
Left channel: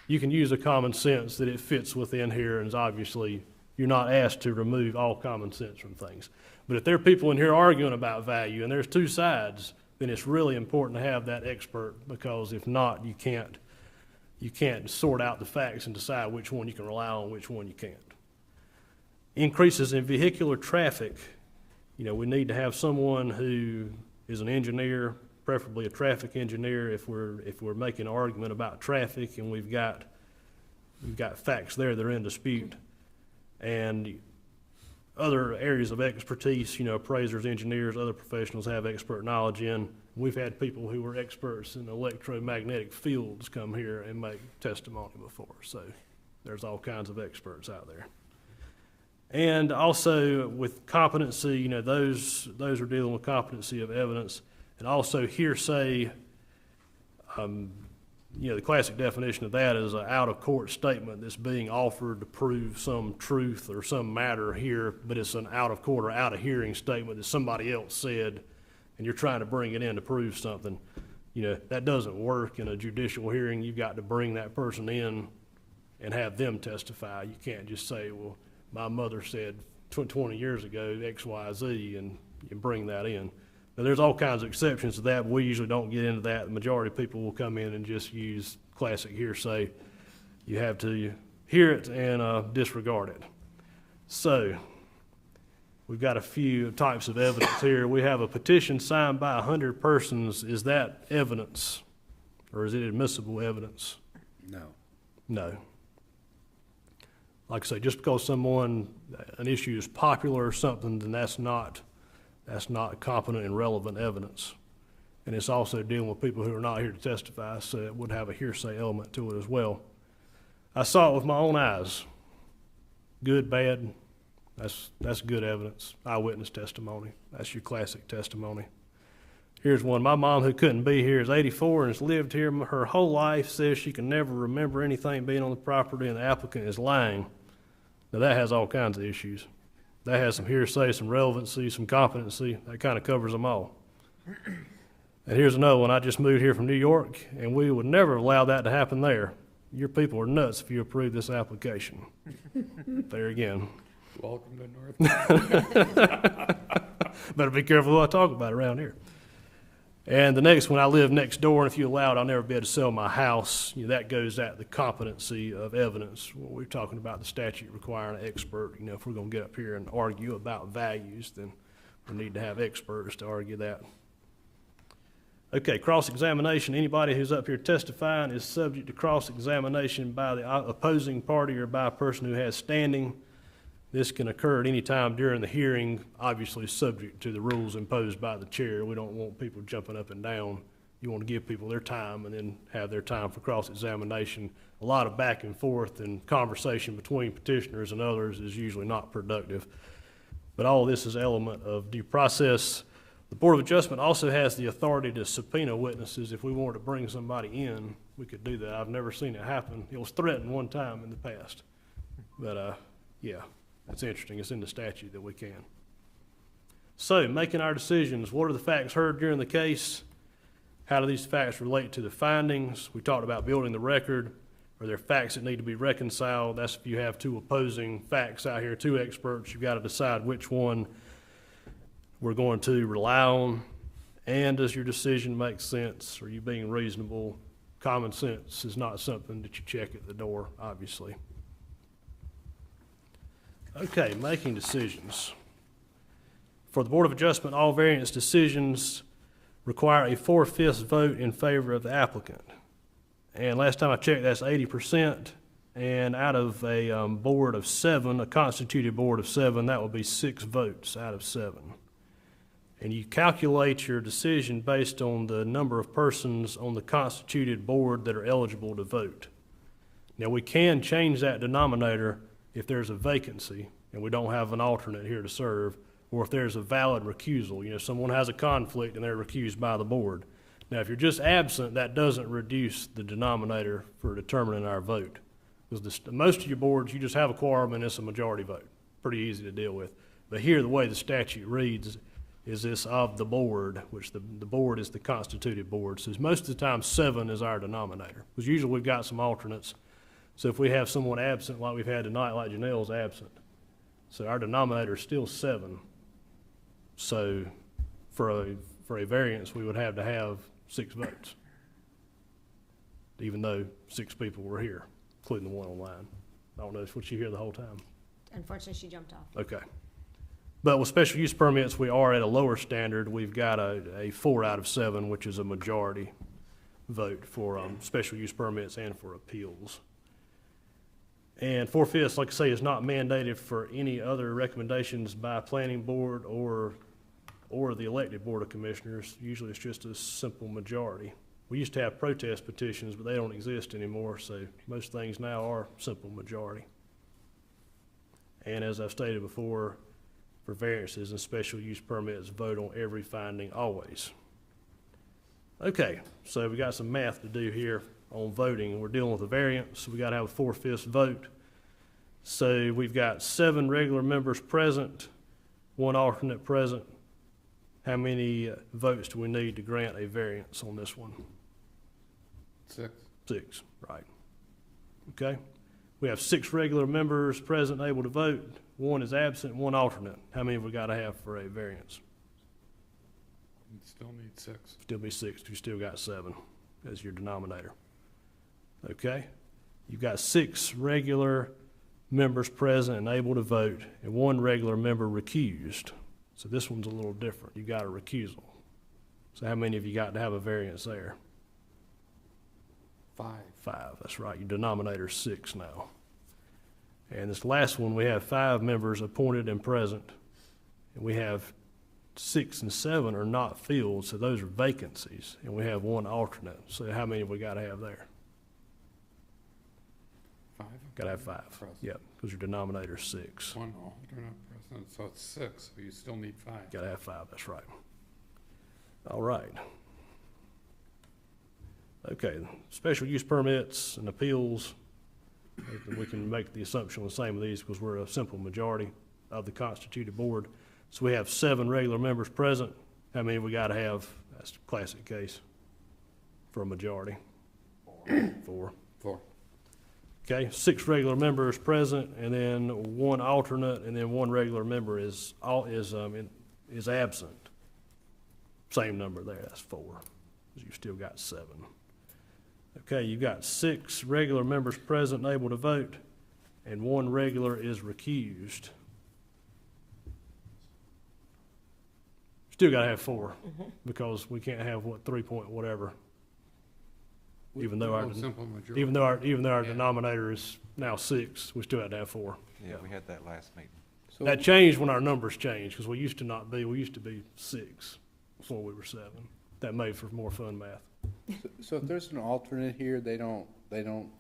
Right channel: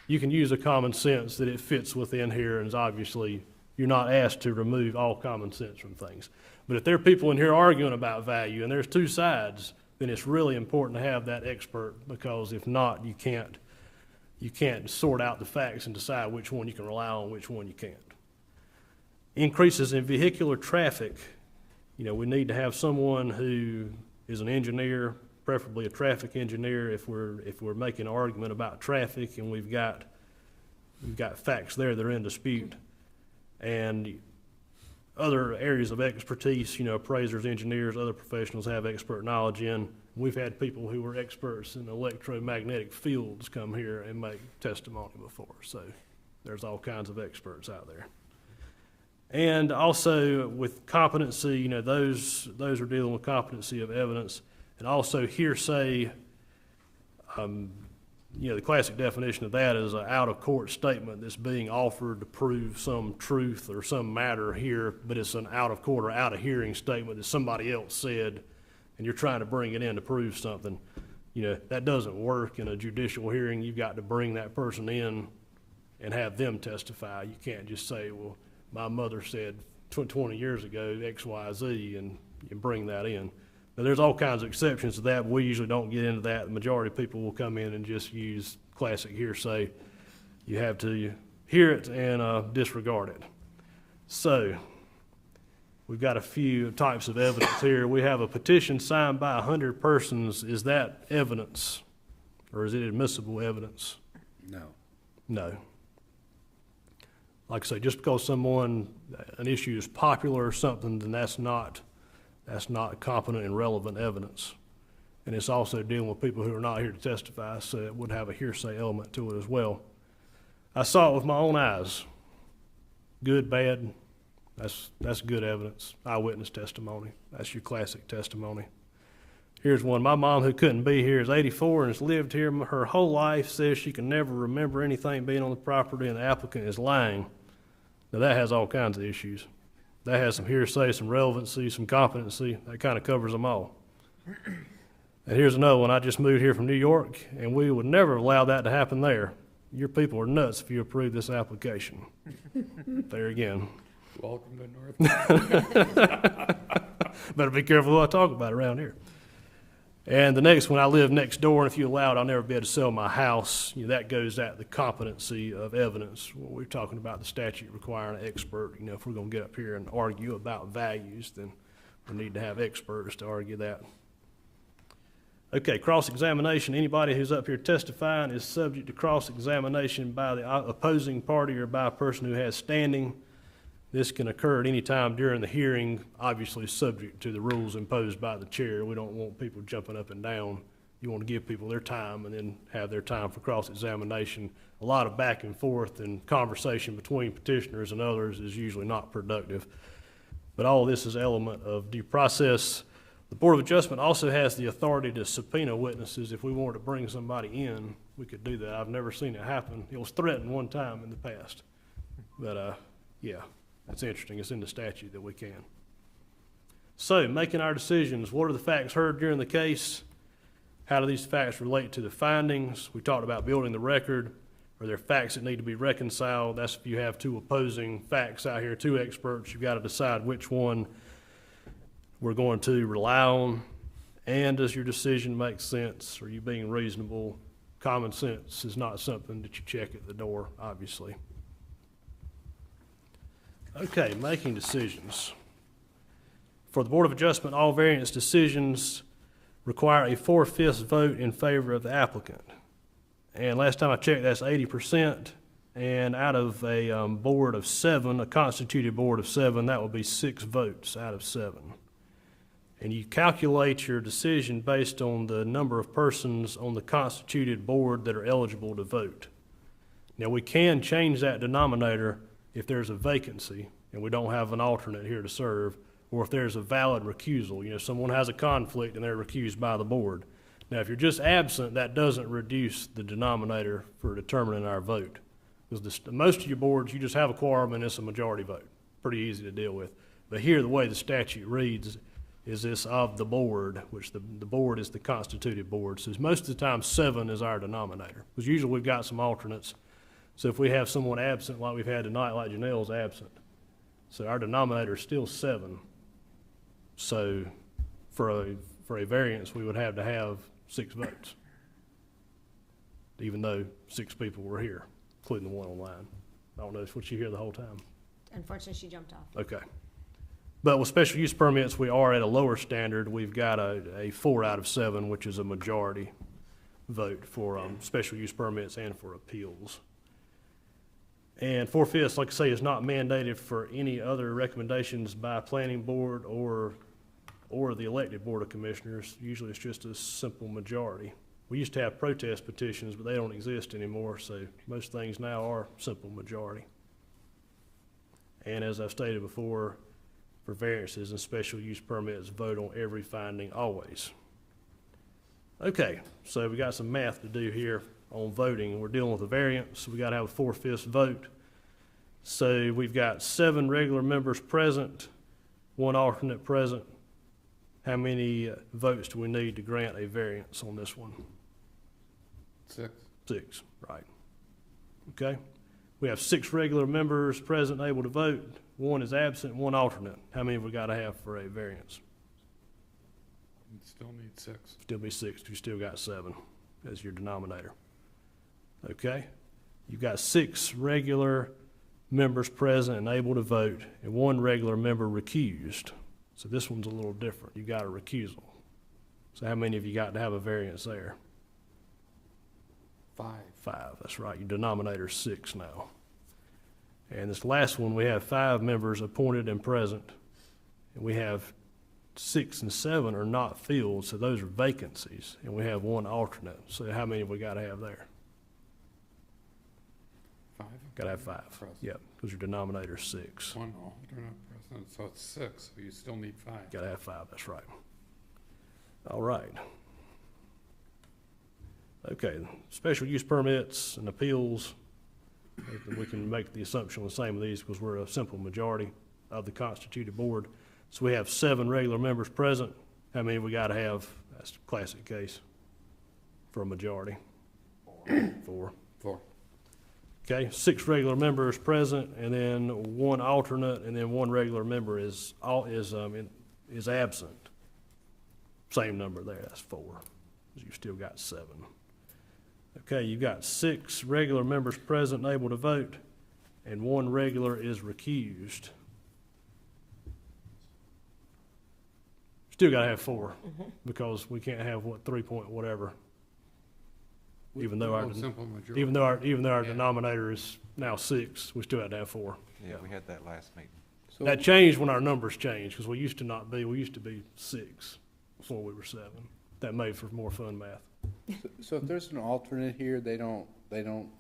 You can use a common sense that it fits within here, and obviously you're not asked to remove all common sense from things. But if there are people in here arguing about value and there's two sides, then it's really important to have that expert, because if not, you can't sort out the facts and decide which one you can rely on, which one you can't. Increases in vehicular traffic. We need to have someone who is an engineer, preferably a traffic engineer, if we're making an argument about traffic and we've got facts there that are in dispute. And other areas of expertise, appraisers, engineers, other professionals have expert knowledge in. We've had people who were experts in electromagnetic fields come here and make testimony before. So there's all kinds of experts out there. And also with competency, those are dealing with competency of evidence, and also hearsay. The classic definition of that is an out-of-court statement that's being offered to prove some truth or some matter here, but it's an out-of-court or out-of-hearing statement that somebody else said, and you're trying to bring it in to prove something. That doesn't work in a judicial hearing. You've got to bring that person in and have them testify. You can't just say, well, my mother said 20 years ago X, Y, Z, and bring that in. Now, there's all kinds of exceptions to that, but we usually don't get into that. The majority of people will come in and just use classic hearsay. You have to hear it and disregard it. So we've got a few types of evidence here. We have a petition signed by 100 persons. Is that evidence, or is it admissible evidence? No. Like I say, just because an issue is popular or something, then that's not competent and relevant evidence. And it's also dealing with people who are not here to testify, so it would have a hearsay element to it as well. I saw it with my own eyes. Good, bad, that's good evidence. Eyewitness testimony. That's your classic testimony. Here's one. My mom, who couldn't be here, is 84 and has lived here her whole life, says she can never remember anything being on the property, and the applicant is lying. Now, that has all kinds of issues. That has some hearsay, some relevancy, some competency. That kind of covers them all. And here's another one. I just moved here from New York, and we would never allow that to happen there. Your people are nuts if you approve this application. There again. Welcome to North. Better be careful who I talk about around here. And the next one, I live next door, and if you allow it, I'll never be able to sell my house. That goes at the competency of evidence. When we're talking about the statute requiring an expert, if we're going to get up here and argue about values, then we need to have experts to argue that. Okay, cross-examination. Anybody who's up here testifying is subject to cross-examination by the opposing party or by a person who has standing. This can occur at any time during the hearing, obviously subject to the rules imposed by the chair. We don't want people jumping up and down. You want to give people their time and then have their time for cross-examination. A lot of back and forth and conversation between petitioners and others is usually not productive. But all of this is an element of due process. The Board of Adjustment also has the authority to subpoena witnesses. If we wanted to bring somebody in, we could do that. I've never seen it happen. It was threatened one time in the past. But, yeah, that's interesting. It's in the statute that we can. So, making our decisions, what are the facts heard during the case? How do these facts relate to the findings? We talked about building the record. Are there facts that need to be reconciled? That's if you have two opposing facts out here, two experts. You've got to decide which one we're going to rely on. And does your decision make sense? Are you being reasonable? Common sense is not something that you check at the door, obviously. Okay, making decisions. For the Board of Adjustment, all variance decisions require a 4/5 vote in favor of the applicant. And last time I checked, that's 80%. And out of a board of 7, a constituted board of 7, that would be 6 votes out of 7. And you calculate your decision based on the number of persons on the constituted board that are eligible to vote. Now, we can change that denominator if there's a vacancy and we don't have an alternate here to serve, or if there's a valid recusal. You know, someone has a conflict and they're recused by the board. Now, if you're just absent, that doesn't reduce the denominator for determining our vote. Because most of your boards, you just have a quorum and it's a majority vote. Pretty easy to deal with. But here, the way the statute reads is this of the board, which the board is the constituted board. So most of the time, 7 is our denominator. Because usually we've got some alternates. So if we have someone absent like we've had tonight, like Janelle's absent, so our denominator is still 7. So for a variance, we would have to have 6 votes, even though 6 people were here, including the one online. I don't know, was she here the whole time? Unfortunately, she jumped off. Okay. But with special use permits, we are at a lower standard. We've got a 4 out of 7, which is a majority vote for special use permits and for appeals. And 4/5, like I say, is not mandated for any other recommendations by planning board or the elected board of commissioners. Usually it's just a simple majority. We used to have protest petitions, but they don't exist anymore, so most things now are simple majority. And as I've stated before, for variances and special use permits, vote on every finding always. Okay, so we got some math to do here on voting. We're dealing with a variance, so we got to have a 4/5 vote. So we've got 7 regular members present, 1 alternate present. How many votes do we need to grant a variance on this one? 6. 6, right. Okay. We have 6 regular members present and able to vote. 1 is absent, 1 alternate. How many have we got to have for a variance? You still need 6. Still be 6. You still got 7 as your denominator. Okay. You've got 6 regular members present and able to vote, and 1 regular member recused. So this one's a little different. You got a recusal. So how many have you got to have a variance there? 5. 5, that's right. Your denominator's 6 now. And this last one, we have 5 members appointed and present. And we have 6 and 7 are not filled, so those are vacancies. And we have 1 alternate. So how many have we got to have there? 5. Got to have 5. Present. Yep, because your denominator's 6. 1 alternate president, so it's 6, so you still need 5. Got to have 5, that's right. All right. Okay, special use permits and appeals. We can make the assumption the same of these because we're a simple majority of the constituted board. So we have 7 regular members present. How many have we got to have? That's the classic case for a majority. 4. 4. Okay, 6 regular members present, and then 1 alternate, and then 1 regular member is absent. Same number there. That's 4. You've still got 7. Okay, you've got 6 regular members present and able to vote, and 1 regular is recused. Still got to have 4 because we can't have 3 point whatever. Even though our denominator is now 6, we still have to have 4. Yeah, we had that last meeting. So That changed when our numbers changed because we used to be 6 before we were 7. That made for more fun math. So if there's an alternate here, they don't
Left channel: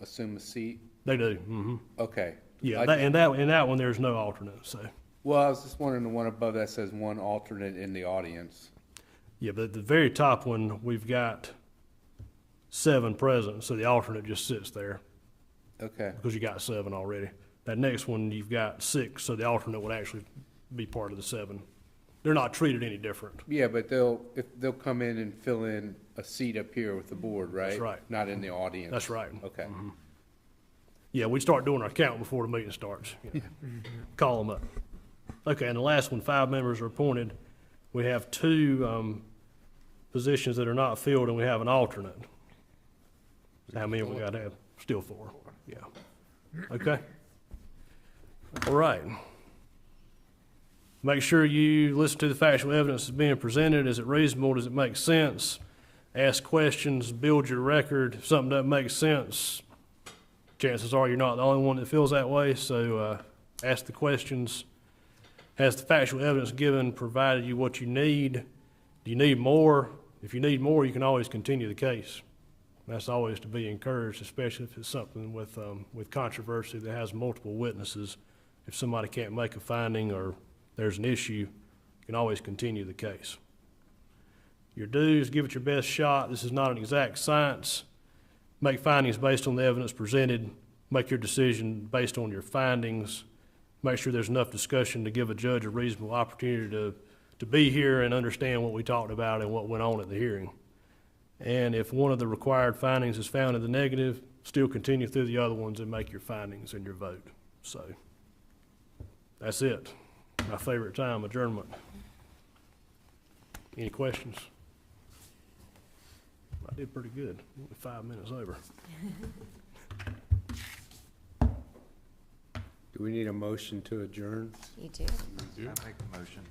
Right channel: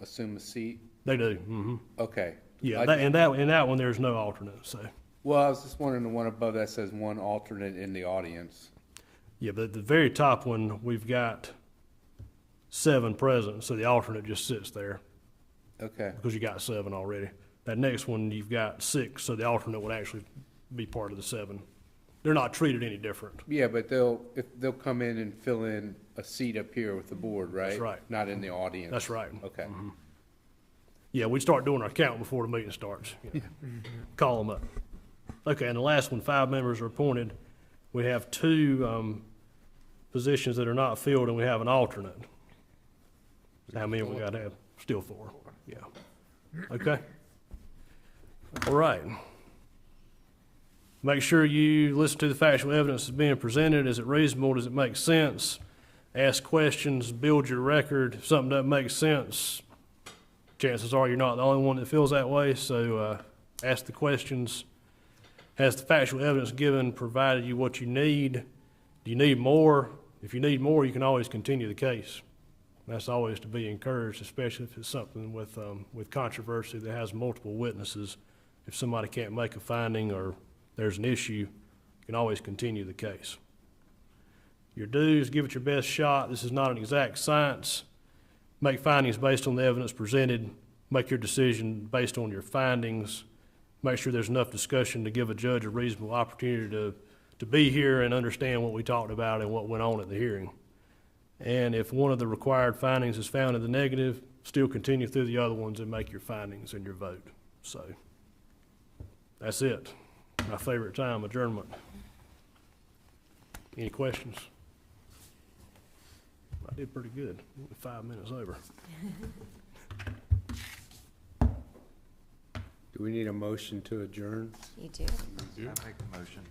assume a seat? They do. Mm-hmm. Okay. Yeah, in that one there's no alternate. So well, I was just wondering the one above that says 1 alternate in the audience. Yeah, but at the very top one, we've got 7 present, so the alternate just sits there Okay. because you got 7 already. That next one, you've got 6, so the alternate would actually be part of the 7. They're not treated any different. Yeah, but they'll come in and fill in a seat up here with the board, right? That's right. Not in the audience. That's right. Okay. Yeah, we start doing our count before the meeting starts. Yeah. Call them up. Okay, and the last one, 5 members are appointed. We have 2 positions that are not filled, and we have an alternate. How many we got to have? Still 4. Yeah. Okay. All right. Make sure you listen to the factual evidence that's being presented. Is it reasonable? Does it make sense? Ask questions, build your record. If something doesn't make sense, chances are you're not the only one that feels that way, so ask the questions. Has the factual evidence given provided you what you need? Do you need more? If you need more, you can always continue the case. That's always to be encouraged, especially if it's something with controversy that has multiple witnesses. If somebody can't make a finding or there's an issue, you can always continue the case. Your dues, give it your best shot. This is not an exact science. Make findings based on the evidence presented. Make your decision based on your findings. Make sure there's enough discussion to give a judge a reasonable opportunity to be here and understand what we talked about and what went on at the hearing. And if one of the required findings is found in the negative, still continue through the other ones and make your findings and your vote. So that's it. My favorite time, adjournment. Any questions? I did pretty good. Only 5 minutes over. Do we need a motion to adjourn? You do. I make a motion.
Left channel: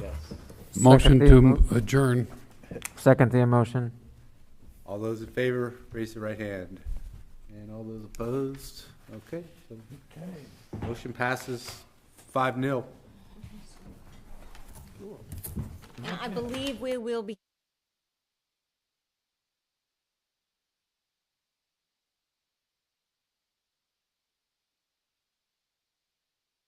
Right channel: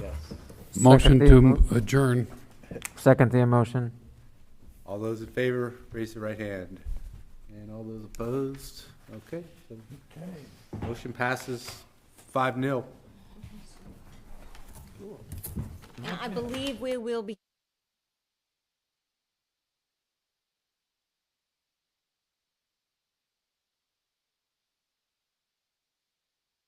Yes. Motion Second to adjourn. Second the motion. All those in favor, raise the right hand. And all those opposed? Okay. Motion passes 5-0. Now, I believe we will be